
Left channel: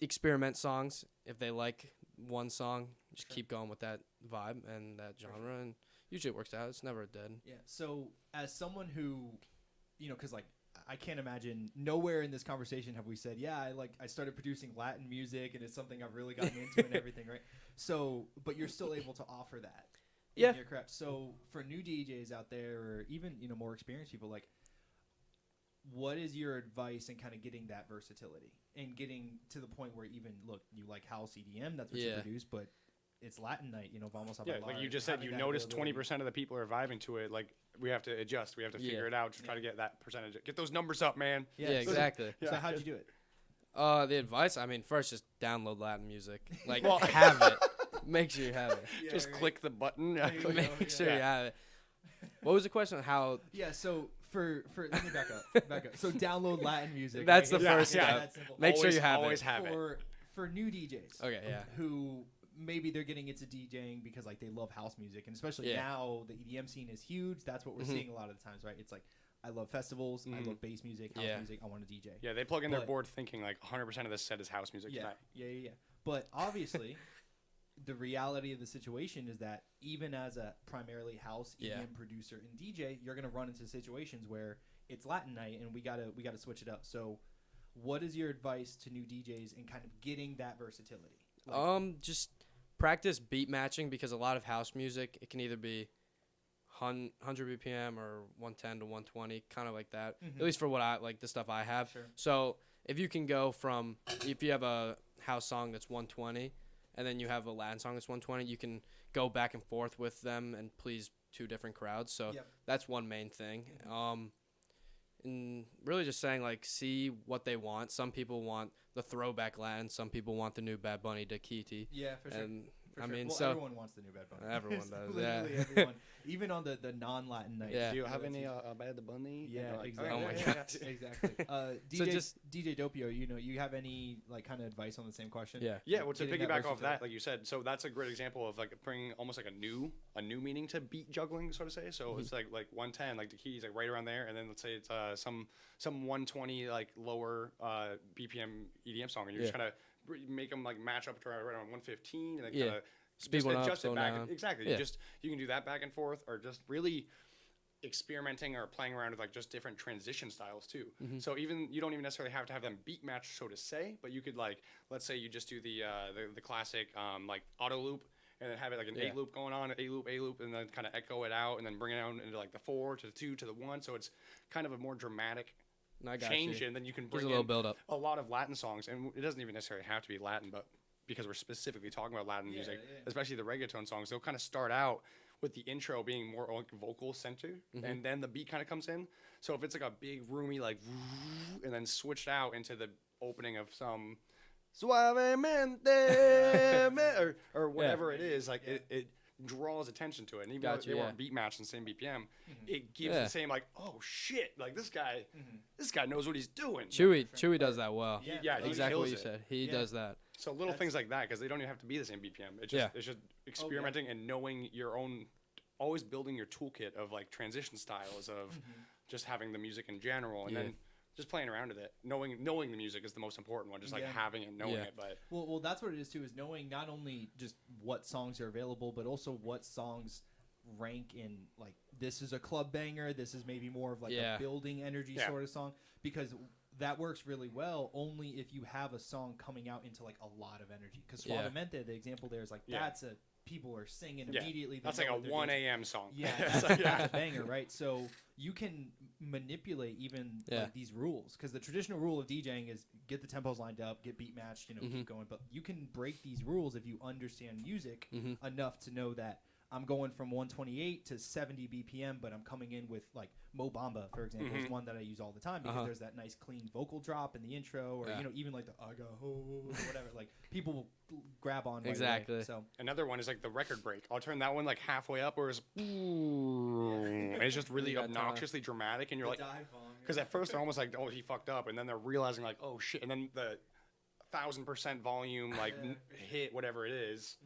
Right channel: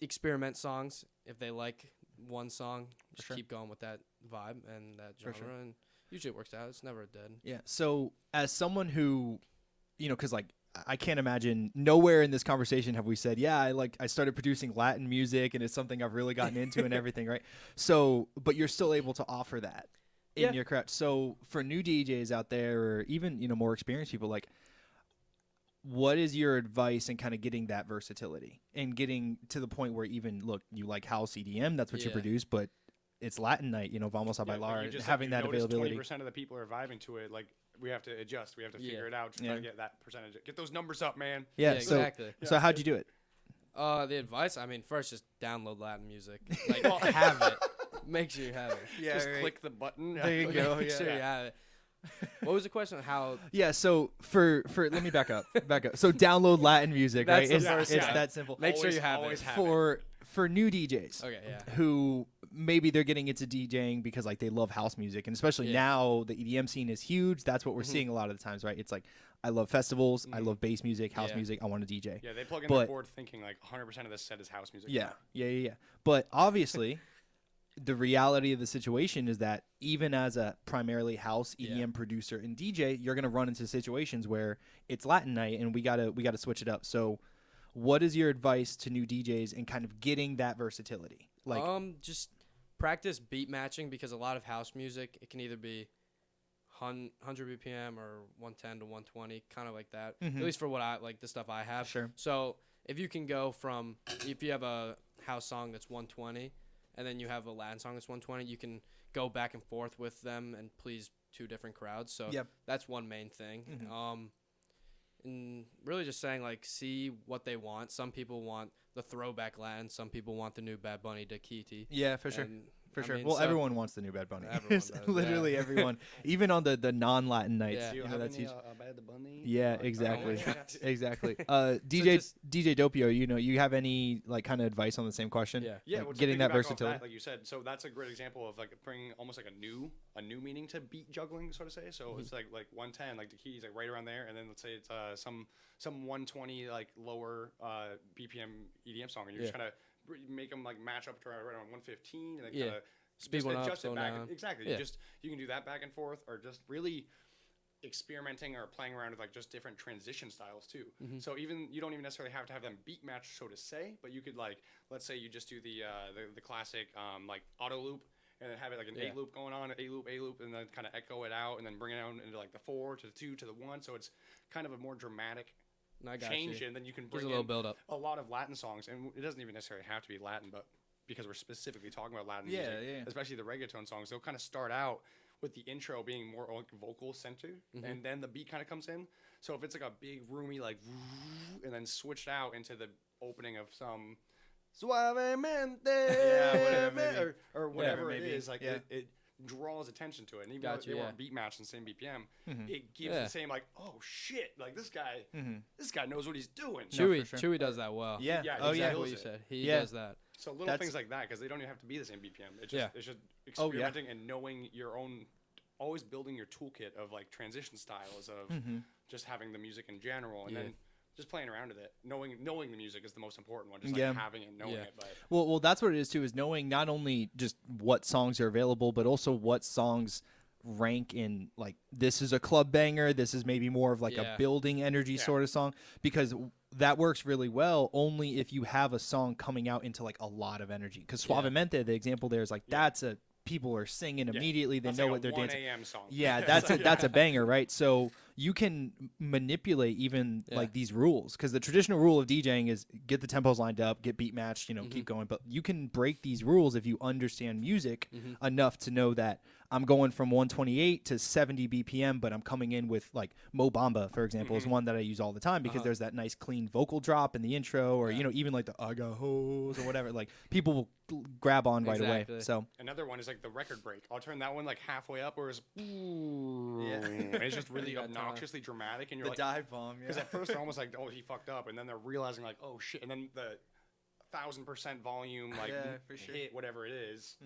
experiment songs. If they like one song, just keep going with that vibe and that genre, and usually it works out. It's never dead. Yeah. So as someone who, because like I can't imagine nowhere in this conversation have we said, I started producing Latin music and it's something I've really gotten into and everything, right? So, but you're still able to offer that in your craft. So for new DJs out there, or even, more experienced people, like, what is your advice in kind of getting that versatility and getting to the point where even, look, you like house EDM, that's what you produce, but it's Latin night, vamos a bailar. Like you just said, you notice 20% of the people are vibing to it. Like, we have to adjust. We have to figure it out to try to get that percentage. Get those numbers up, man. Yeah, exactly. So how'd you do it? The advice, I mean, first just download Latin music. Like, have it. Make sure you have it. Just click the button. Make sure you have it. What was the question? How? Yeah, so for let me back up. So download Latin music. That's right? the first step. It's that simple. Make sure you have always it. Have for new DJs. Okay, yeah. Who maybe they're getting into DJing because like they love house music, and especially now the EDM scene is huge. That's what we're seeing a lot of the times, right? It's like I love festivals, I love bass music, house music. I want to DJ. Yeah, they plug in their board thinking like 100% of this set is house music. Yeah. But obviously, the reality of the situation is that even as a primarily house EDM producer and DJ, you're gonna run into situations where it's Latin night, and we gotta switch it up. So, what is your advice to new DJs in kind of getting that versatility? Like, just practice beat matching, because a lot of house music, it can either be 100 BPM or 110 to 120, kind of like that. At least for what I like, the stuff I have. Sure. So if you can go from, if you have a house song that's 120 and then you have a Latin song that's 120, you can go back and forth with them and please two different crowds. So that's one main thing. and really just saying like see what they want. Some people want the throwback Latin. Some people want the new Bad Bunny Dakiti. Yeah, for sure. And, For I sure. mean, Well, so everyone wants the new Bad Bunny. everyone does. Literally yeah. everyone. Even on the non-Latin nights. Yeah. Do you know, have that's any usually- Bad Bunny? Yeah, Like, exactly. Oh my yeah, gosh. yeah. Exactly. just- DJ Doppio, you have any like kind of advice on the same question? Yeah. Yeah, Like, well, to getting that piggyback off versatility? that, like you said, so that's a great example of like bringing almost like a new meaning to beat juggling, so to say. So it's like 110, like the keys like right around there, and then let's say it's some 120 like lower BPM EDM song, and you're just Yeah. kind of make them like match up to right around 115, and then Yeah. kind of Speed one up, adjust slow it back. down. Exactly. Yeah. You can do that back and forth, or just really experimenting or playing around with like just different transition styles too. Mm-hmm. So even you don't even necessarily have to have them beat match, so to say, but you could like, let's say you just do the classic like auto loop, and then have it like an Yeah. 8 loop going on, A loop, and then kind of echo it out, and then bring it down into like the 4 to the 2 to the 1. So it's kind of a more dramatic I got change, you. and then you can Gives bring a little in build up. a lot of Latin songs, and it doesn't even necessarily have to be Latin, but because we're specifically talking about Latin Yeah, music, yeah. especially the reggaeton songs, they'll kind of start out with the intro being more like vocal centered, and then the beat kind of comes in. So if it's like a big roomy like, and then switched out into the opening of some suavemente or whatever it maybe, is, like yeah. it draws attention to it, and even Gotcha, though they yeah. weren't beat matched in the same BPM, it gives Yeah. the same like, oh shit, like this guy knows what he's doing. Chewy, for sure. Chewy does that well. Yeah. Yeah, Oh, exactly what kills you it. said. He Yeah. does that. So little That's- things like that, because they don't even have to be the same BPM. It's just, Yeah. it's just experimenting and knowing your own, always building your toolkit of like transition styles of just having the music in general, and Yeah. then just playing around with it. Knowing the music is the most important one. Just like Yeah. having it, knowing Yeah. it. But Well, that's what it is too. Is knowing not only just what songs are available, but also what songs rank in like this is a club banger. This is maybe more of like Yeah. a building energy Yeah. sort of song, because that works really well only if you have a song coming out into like a lot of energy. Because Yeah. Suavemente, the example there is like Yeah. that's a people are singing yeah, immediately. They that's know like what a they're 1 dancing. a.m. song. Yeah, It's that's like, that's a banger, right? So you can manipulate even Yeah. like these rules, because the traditional rule of DJing is get the tempos lined up, get beat matched, keep going. But you can break these rules if you understand music enough to know that I'm going from 128 to 70 BPM, but I'm coming in with like Mo Bamba, for example, is one that I use all the time because there's that nice clean vocal drop in the intro, or Yeah. even like the I got hoes or whatever. Like people will grab on right Exactly. away. So Another one is like the record break. I'll turn that one like halfway up, where it's, and it's just really You got time. obnoxiously dramatic, and you're like, dive bomb. because at first they're almost like, oh, he fucked up, and then they're realizing like, oh shit, and then the 1000% volume like Yeah, for sure. hit whatever it is.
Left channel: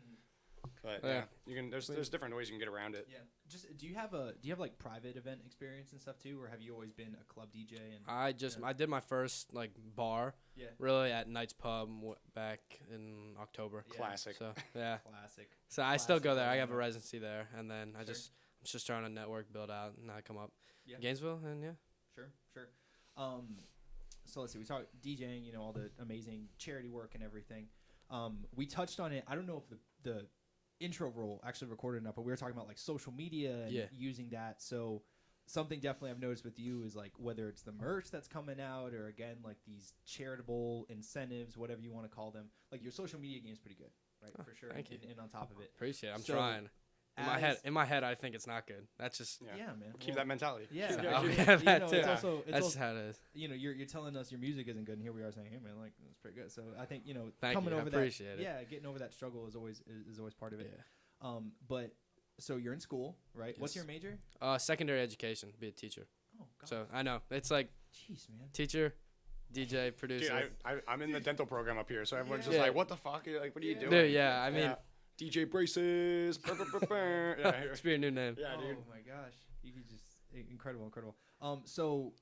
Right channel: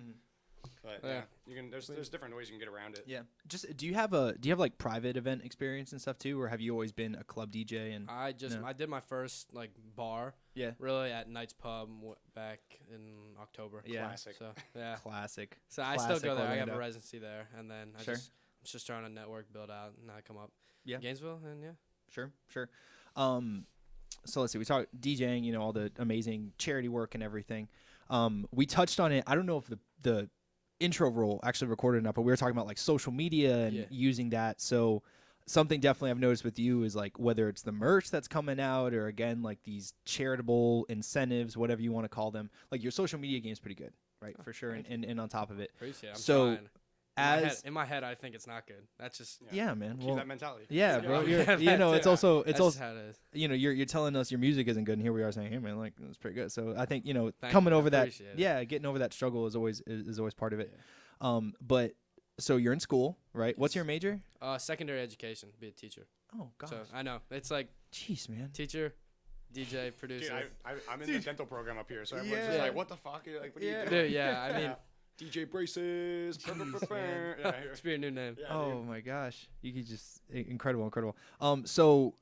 But yeah, Yeah. you can. There's different ways you can get around it. Yeah. Just do you have like private event experience and stuff too, or have you always been a club DJ? And I did my first like bar yeah, really at Knight's Pub back in October. Yeah. Classic. So yeah. classic. So I still go Classic there. I have a Orlando. residency there, and then I'm just trying to network, build out, and I come up. Yeah. Gainesville, and yeah. Sure. So let's see. We talked DJing, all the amazing charity work and everything. We touched on it. I don't know if the intro role actually recorded enough, but we were talking about like social media and Yeah. using that. So something definitely I've noticed with you is like whether it's the merch that's coming out or again like these charitable incentives, whatever you want to call them. Like your social media game is pretty good, right? For sure. thank And on top of it, Appreciate it. I'm So, trying. as In my head, I think it's not good. That's just yeah, man. Keep Well, that mentality. yeah, Yeah. because Yeah, that it's too. also that's also how it is. you're telling us your music isn't good, and here we are saying, hey man, like it's pretty good. So I think Thank coming you, I over that, appreciate it. yeah, getting over that struggle is always part of it. Yeah. But so you're in school, right? What's Yes. your major? Secondary education, be a teacher. Oh god, So I know it's like jeez, man. teacher, DJ, producer. Dude, I'm in the dental program up here, so everyone's Yeah. just like, what the fuck? Like, what are you doing? Dude, yeah, I mean, Yeah. DJ braces. Yeah, here. it's be a new name. Yeah, Oh dude. my gosh, you could just incredible. So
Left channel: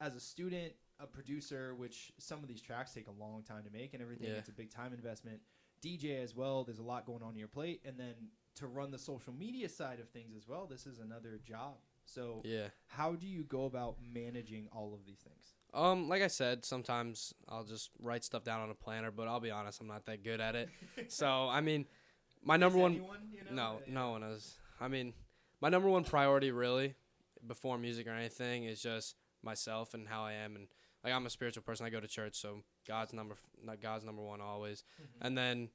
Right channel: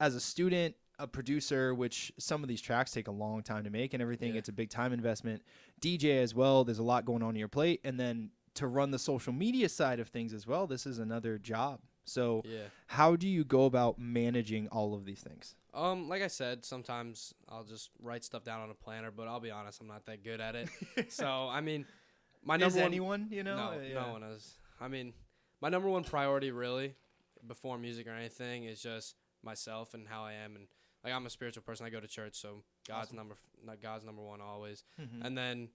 as a student, a producer, which some of these tracks take a long time to make and everything, Yeah. it's a big time investment. DJ as well. There's a lot going on your plate, and then to run the social media side of things as well. This is another job. So Yeah. how do you go about managing all of these things? Like I said, sometimes I'll just write stuff down on a planner, but I'll be honest, I'm not that good at it. So I mean, my number one. Anyone, No one is. I mean, my number one priority really, before music or anything, is just myself and how I am, and like I'm a spiritual person. I go to church, so God's number one always. And then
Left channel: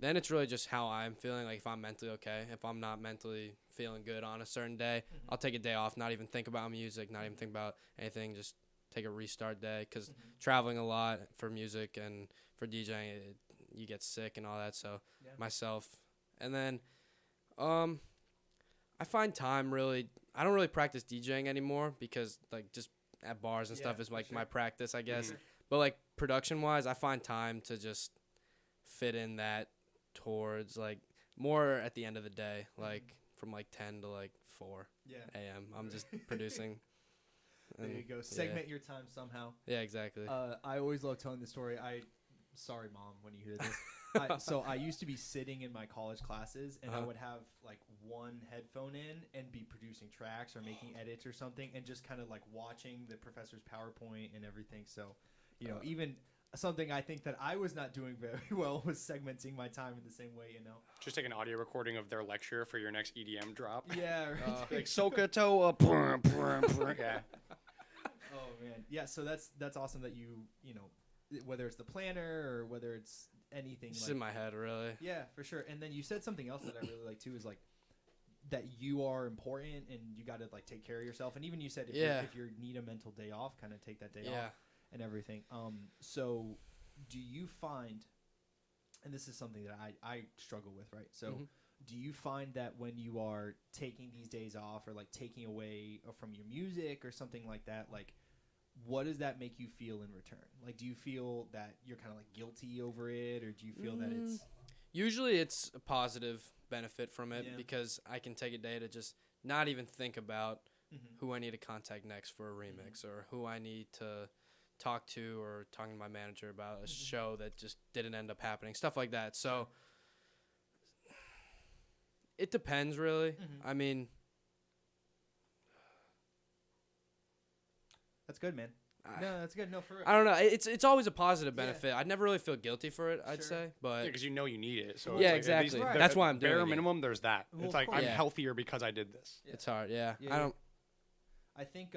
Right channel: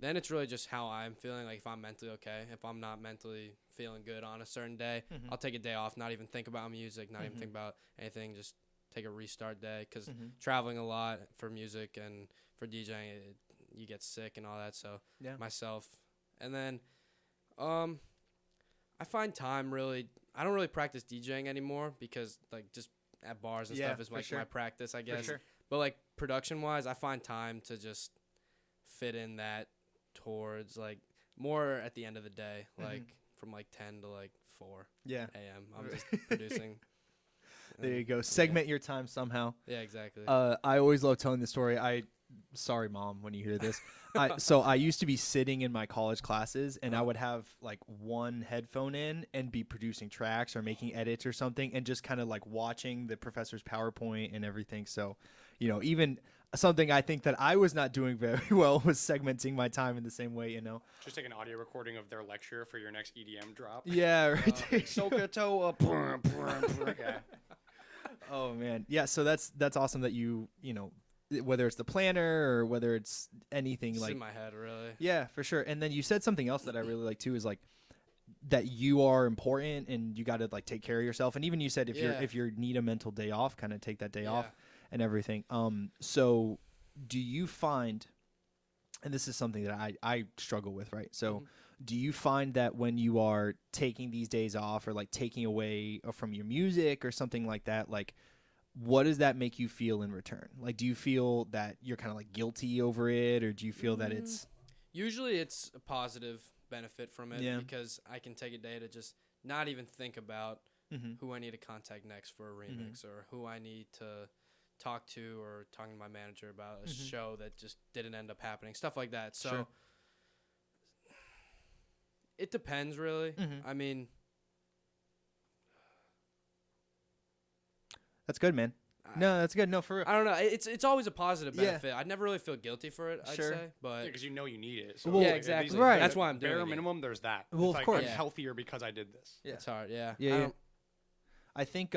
then it's really just how I'm feeling. Like if I'm mentally okay, if I'm not mentally feeling good on a certain day, I'll take a day off, not even think about music, not even think about anything, just take a restart day. Because traveling a lot for music and for DJing, you get sick and all that. So myself, and then I find time really. I don't really practice DJing anymore because like just at bars and stuff is like my practice, I guess. But like production wise, I find time to just fit in that towards like more at the end of the day, like from like 10 to like 4 a.m. I'm just producing. There you go. Segment your time somehow. Yeah, exactly. I always love telling the story. Sorry, Mom, when you hear this. So I used to be sitting in my college classes, and I would have like one headphone in and be producing tracks or making edits or something, and just kind of like watching the professor's PowerPoint and everything. So, you know, even something I think that I was not doing very well was segmenting my time in the same way, you know. Just take an audio recording of their lecture for your next EDM drop. Yeah, right. Like Sokoto. Yeah. Oh man, yeah. So that's awesome that you know, whether it's the planner or whether it's anything It's like in my head, really. Yeah, for sure. And then you said something else that I really like too, is like that you are important and you got to like take care of yourself. And even you said if you need a mental day off, kind of take that day off and everything. So do you find, and this is something that I struggle with, right? So do you find that when you are taking these days off or like taking away from your music or something like that, like what does that make you feel in return? Like, do you feel that you're kind of like guilty over it, or do you feel that it's... Usually it's a positive benefit from it because I can take a day to just not even think about who I need to contact next for a remix or who I need to talk to or talking to my manager about a show that just didn't end up happening, stuff like that. So it depends, really. I mean... That's good, man. No, that's good. No, for real. I don't know. It's always a positive benefit. I'd never really feel guilty for it, I'd say. But because you know you need it. So yeah, exactly. Right. That's why I'm doing it. Bare minimum, there's that. Well, it's like, I'm healthier because I did this. It's hard, yeah. I think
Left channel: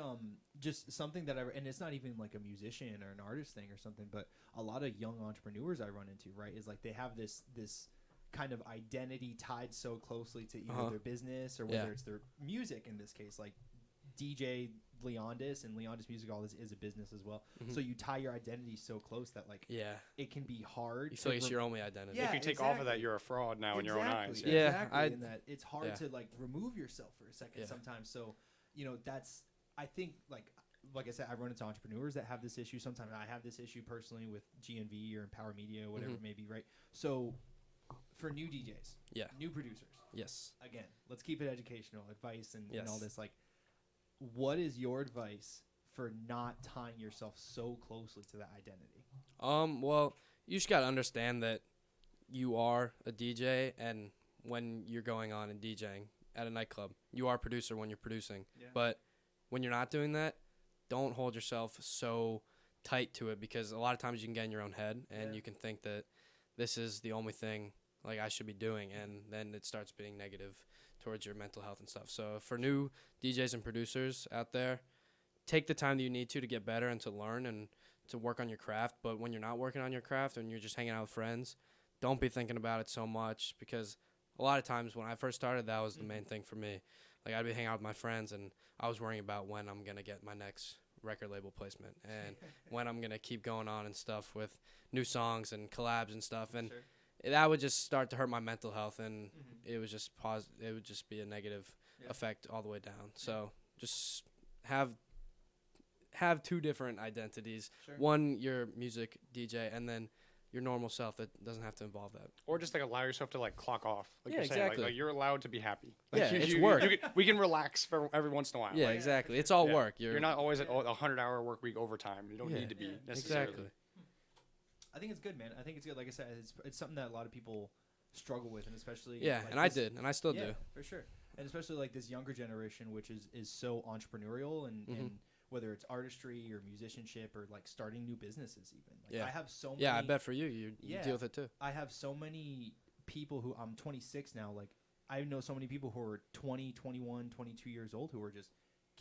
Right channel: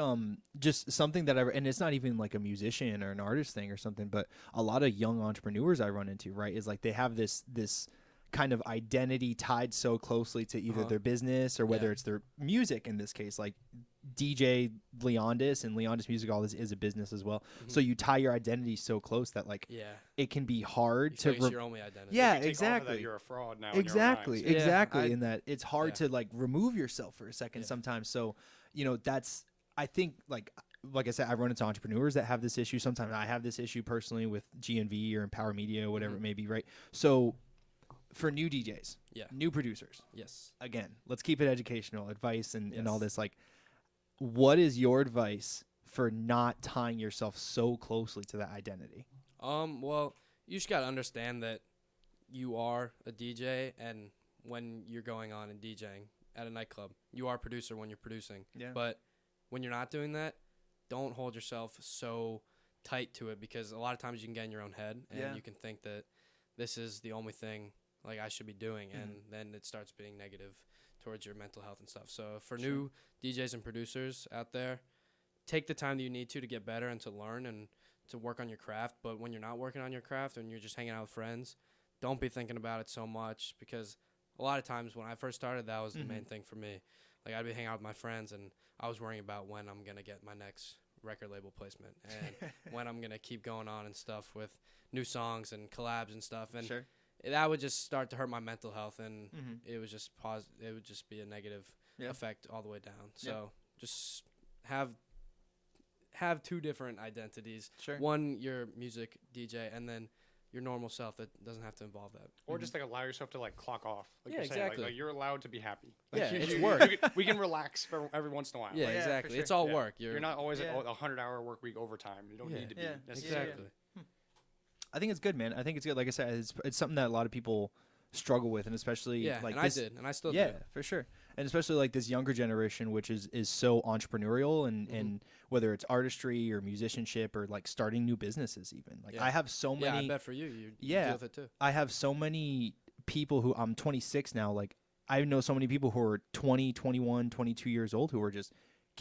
just something that and it's not even like a musician or an artist thing or something, but a lot of young entrepreneurs I run into, right, is like they have this kind of identity tied so closely to either their business or whether it's their music in this case, like DJ Leondis and Leondis Music, all this is a business as well. So you tie your identity so close that like it can be hard to it's your only identity. Yeah, if you take off of that, you're a fraud now in your own eyes. Exactly. In that it's hard to like remove yourself for a second sometimes. So, you know, that's, I think like I said, I run into entrepreneurs that have this issue. Sometimes I have this issue personally with GNV or Empower Media or whatever it may be, right? So for new DJs, new producers, again, let's keep it educational, advice and all this, like, what is your advice for not tying yourself so closely to that identity? Well, you just got to understand that you are a DJ, and when you're going on and DJing at a nightclub, you are a producer when you're producing. But when you're not doing that, don't hold yourself so tight to it, because a lot of times you can get in your own head and you can think that this is the only thing like I should be doing, and then it starts being negative towards your mental health and stuff. So for new DJs and producers out there, take the time that you need to get better and to learn and to work on your craft. But when you're not working on your craft and you're just hanging out with friends, don't be thinking about it so much, because a lot of times when I first started, that was the main thing for me. Like, I'd be hanging out with my friends and I was worrying about when I'm going to get my next record label placement and when I'm going to keep going on and stuff with new songs and collabs and stuff. And that would just start to hurt my mental health, and it was just it would just be a negative effect all the way down. So just have two different identities. One, your music DJ, and then your normal self that doesn't have to involve that. Or just like allow yourself to like clock off. Like you're saying, like you're allowed to be happy. Like it's work. We can relax for every once in a while. Yeah, exactly. It's all work. You're not always at a 100-hour work week overtime. You don't need to be necessarily. Exactly. I think it's good, man. I think it's good. Like I said, it's something that a lot of people struggle with, and especially and I did, and I still do. For sure. And especially like this younger generation, which is so entrepreneurial, and whether it's artistry or musicianship or like starting new businesses even. Like I have so many. Yeah, I bet for you deal with it too. I have so many people who, I'm 26 now, like I know so many people who are 20, 21, 22 years old who are just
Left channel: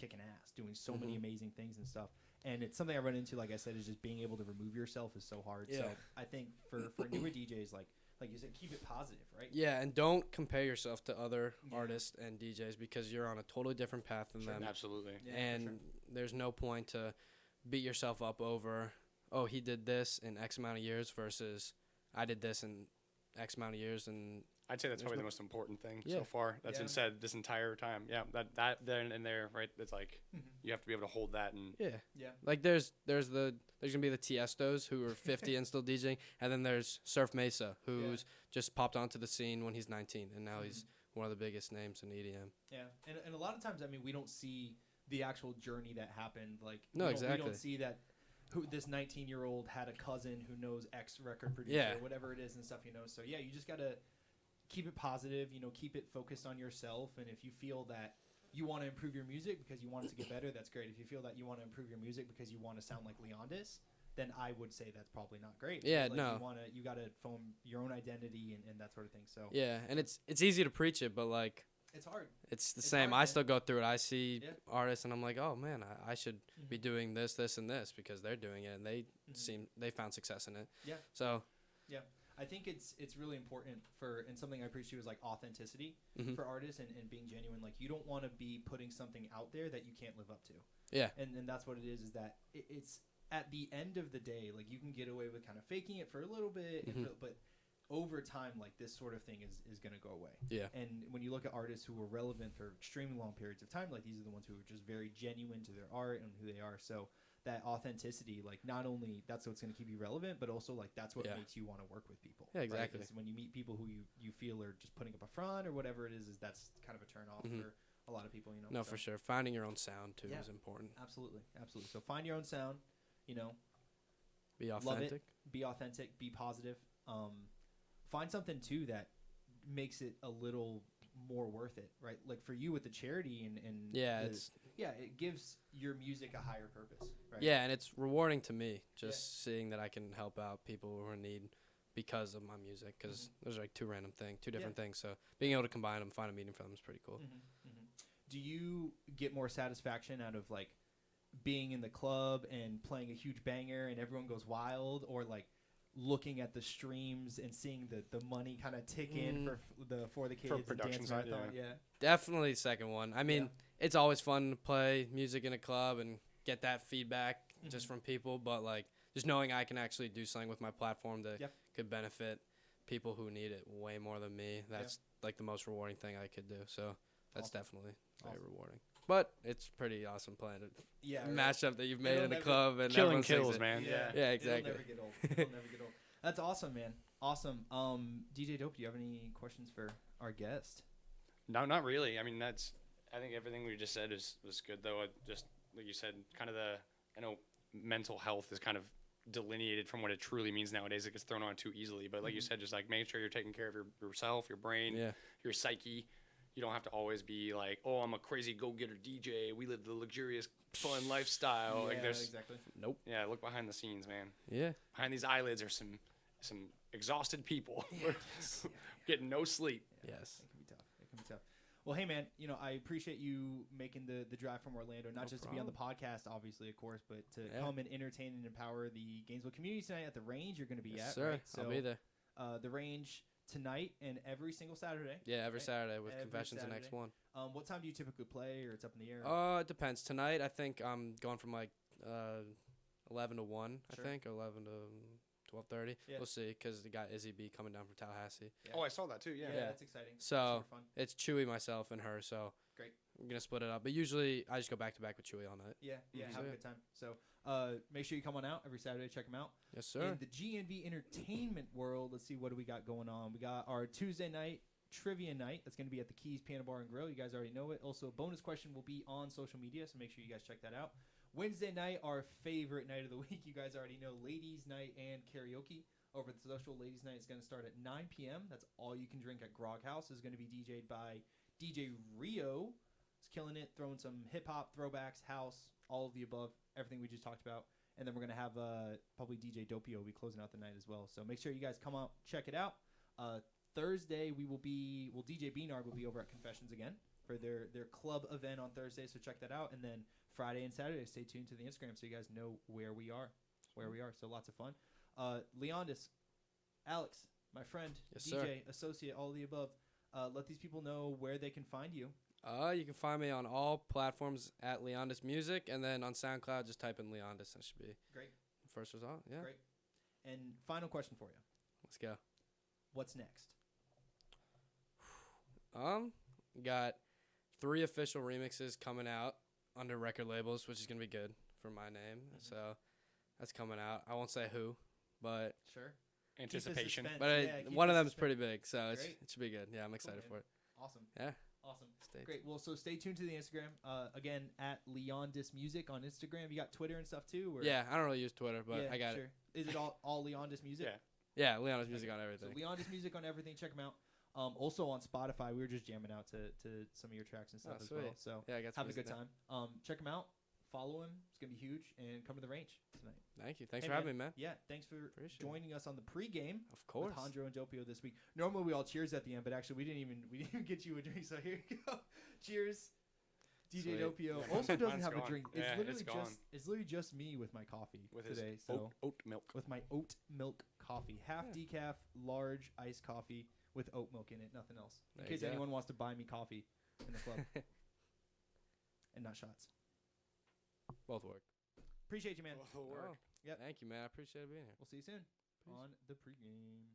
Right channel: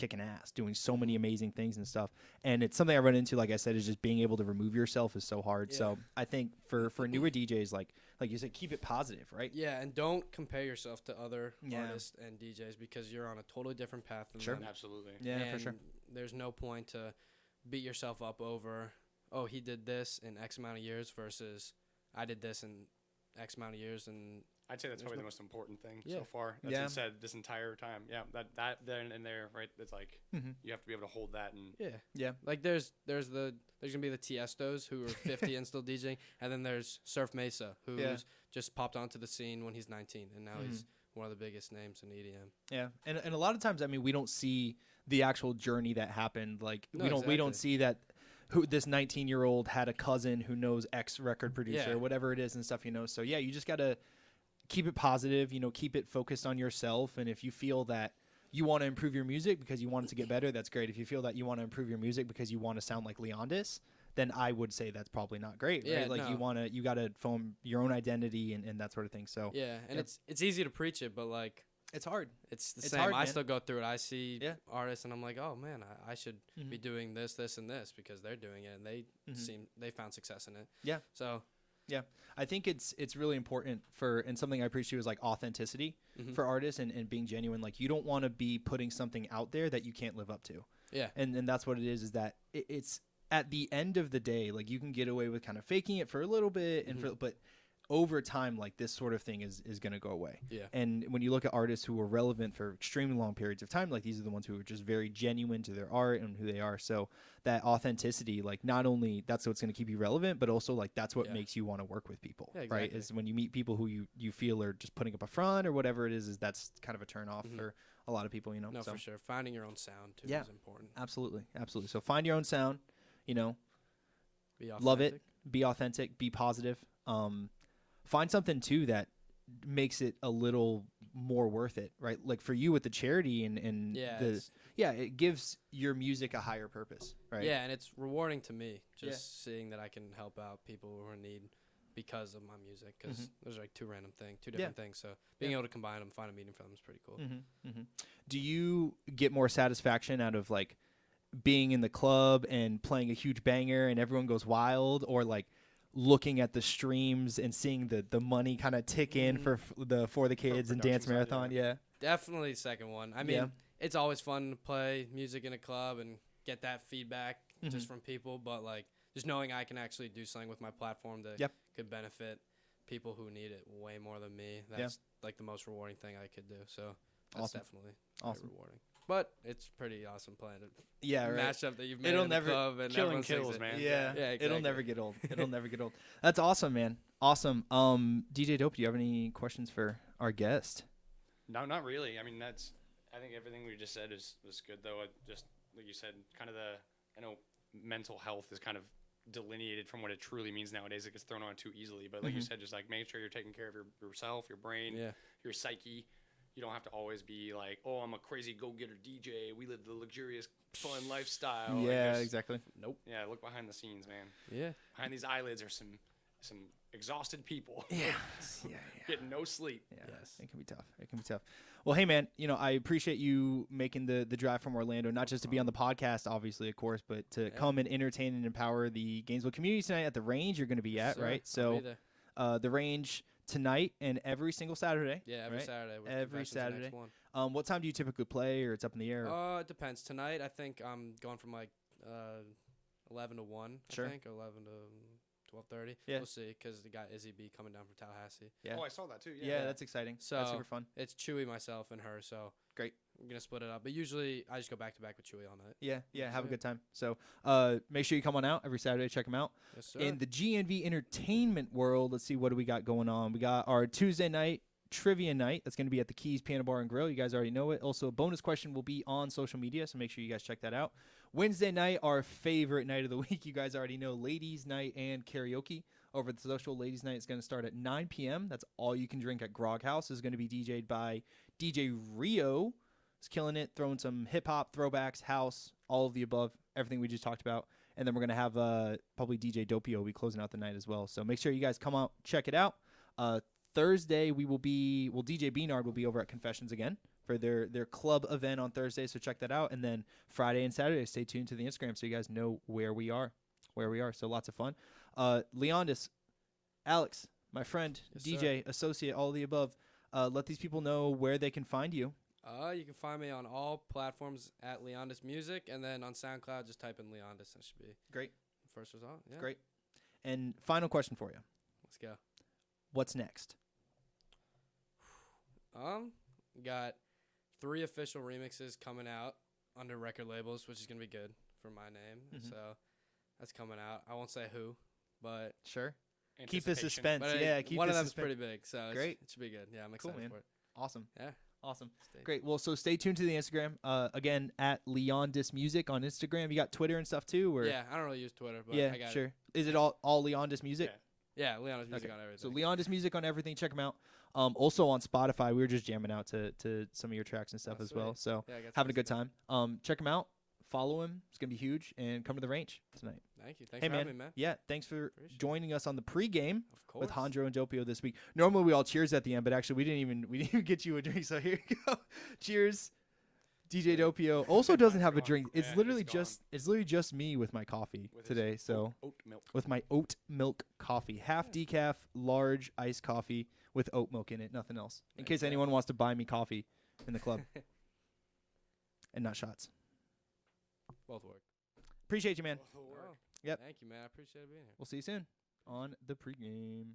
kicking ass, doing so many amazing things and stuff. And it's something I run into, like I said, is just being able to remove yourself is so hard. Yeah. So I think for newer DJs, like you said, keep it positive, right? Yeah, and don't compare yourself to other Yeah. artists and DJs because you're on a totally different path than them. Absolutely. Yeah, and for sure. there's no point to beat yourself up over, oh, he did this in X amount of years versus I did this in X amount of years. And I'd say that's There's probably no- the most important thing Yeah. so far. That's Yeah. been said this entire time. Yeah, that then and there, right? It's like you have to be able to hold that and yeah, like there's gonna be the Tiestos who are 50 and still DJing, and then there's Surf Mesa who's just popped onto the scene when he's 19, and now he's one of the biggest names in EDM. Yeah, and a lot of times, I mean, we don't see the actual journey that happened. Like, No, we exactly. don't see that this 19-year-old had a cousin who knows X record producer Yeah. or whatever it is and stuff, So, yeah, you just got to keep it positive, keep it focused on yourself. And if you feel that you want to improve your music because you want it to get better, that's great. If you feel that you want to improve your music because you want to sound like Leondis, then I would say that's probably not great. Yeah, right? Like no. you got to form your own identity and that sort of thing. So Yeah, and it's easy to preach it, but like it's hard. it's the It's same. hard, I man. still go through it. I see Yeah. artists, and I'm like, oh man, I should be doing this, this, and this because they're doing it, and they found success in it. Yeah. So Yeah, I think it's really important and something I appreciate is like authenticity for artists and being genuine. Like you don't want to be putting something out there that you can't live up to. yeah, And that's what it is that it's at the end of the day, like you can get away with kind of faking it for a little bit, but over time, like this sort of thing is going to go away. Yeah. And when you look at artists who are relevant for extremely long periods of time, like these are the ones who are just very genuine to their art and who they are. So that authenticity, like not only that's what's going to keep you relevant, but also like that's what makes you want to work with people. Yeah, exactly. Right? It's when you meet people who you feel are just putting up a front or whatever it is that's kind of a turn off for a lot of people, No, so. for sure. Finding your own sound too Yeah. is important. Absolutely. So find your own sound, Be authentic. love it, be authentic, be positive. Find something too that makes it a little more worth it, right? Like for you with the charity and it gives your music a higher purpose, right? Yeah, and it's rewarding to me just seeing that I can help out people who are in need because of my music. Because there's like two different things. So being able to combine them, find a meaning for them is pretty cool. Do you get more satisfaction out of like being in the club and playing a huge banger and everyone goes wild, or like looking at the streams and seeing the money kind of tick in for the kids and production dance side, marathon? Yeah. Definitely the second one. I mean, it's always fun to play music in a club and get that feedback just from people, but like just knowing I can actually do something with my platform that could benefit people who need it way more than me. That's like the most rewarding thing I could do. So that's definitely very rewarding. But it's pretty awesome playing a mashup that you've made in the club and killing everyone sings kills, it. man. Yeah, exactly. It'll never get old. It'll never get old. That's awesome, man. Awesome. DJ Dope, do you have any questions for our guest? No, not really. I mean, I think everything we just said was good, though. Just like you said, kind of I know mental health is kind of delineated from what it truly means nowadays. It gets thrown on too easily. But like you said, just like make sure you're taking care of yourself, your brain, your psyche. You don't have to always be like, oh, I'm a crazy go-getter DJ. We live the luxurious, fun lifestyle. Yeah, like exactly. Nope. Yeah, look behind the scenes, man. Yeah. Behind these eyelids are some exhausted people getting no sleep. Yeah, Yes. It can be tough. Well, hey, man, I appreciate you making the drive from Orlando, not just to be on the podcast, obviously, of course, but to come and entertain and empower the Gainesville community tonight at the Range you're going to be at, Sir, right? I'll be there. The Range tonight and every single Saturday. Yeah, every right? Saturday with Every Confessions the next Saturday. one. What time do you typically play, or it's up in the air? It depends. Tonight, I think I'm going from like 11 to 1, Sure. I think, or 11 to 12:30. Yeah. We'll see, because the guy Izzy B coming down from Tallahassee. Yeah. Oh, I saw that too. yeah, Yeah. that's exciting. So That's super fun. it's Chewy, myself, and her. So Great. we're gonna split it up. But usually I just go back to back with Chewy all night. Yeah, have a So, good time. So make sure you come on out every Saturday, check them out. Yes, sir. In the GNV entertainment world, let's see, what do we got going on? We got our Tuesday night trivia night. That's going to be at the Keys Piano Bar and Grill. You guys already know it. Also, a bonus question will be on social media, so make sure you guys check that out. Wednesday night, our favorite night of the week. You guys already know, ladies' night and karaoke. Over at the social, ladies' night is going to start at 9 p.m. That's all you can drink at Grog House. Is going to be DJ'd by DJ Rio. He's killing it, throwing some hip-hop, throwbacks, house, all of the above, everything we just talked about. And then we're going to have probably DJ Dopio will be closing out the night as well. So make sure you guys come out, check it out. Thursday, DJ Beanard will be over at Confessions again for their club event on Thursday. So check that out. And then Friday and Saturday, stay tuned to the Instagram so you guys know where we are. So lots of fun. Leondis, Alex, my friend, Yes, DJ, associate, all of the above. Let these people know where they can find you. You can find me on all platforms at Leondis Music, and then on SoundCloud, just type in Leondis. That should be Great. the first result. Yeah. Great. And final question for you. Let's go. What's next? Got 3 official remixes coming out under record labels, which is gonna be good for my name. So that's coming out. I won't say who, but Sure. Keep the Anticipation. suspense. but Yeah, keep one the of them is suspense. pretty big, so Great. it should be good. Yeah, I'm excited man. for it. Awesome. Yeah. Awesome. Stay Great. Well, so stay tuned to the Instagram. Again, at Leondis Music on Instagram. You got Twitter and stuff too? Or? Yeah, I don't really use Twitter, but I got it. Is it all Leondis Music? Yeah. Yeah, Leondis Music Okay. on So everything. Leondis Music on everything. Check them out. Also on Spotify. We were just jamming out to some of your tracks and stuff Oh, as well. sweet. So Yeah, I got having a some good time. Check him out. Follow him. It's gonna be huge. And come to the range tonight. Thank you. Thanks Hey, for having me, man. Yeah. Thanks for Appreciate it. joining us on the pregame Of course. with Hondro and Dopio this week. Normally we all cheers at the end, but actually we didn't even get you a drink. So here you go. Cheers. DJ Sweet. Dopio also doesn't Mine's have a gone. drink. It's Yeah, literally it's gone. it's literally just me with my coffee With his today. So oat milk. with my oat milk coffee, half decaf, large iced coffee with oat milk in it, nothing else. In There case you go. anyone wants to buy me coffee in the club, and not shots. Both work. Appreciate you, man. Oh, Yep. Thank you, man. I appreciate being here. We'll see you soon on the pregame.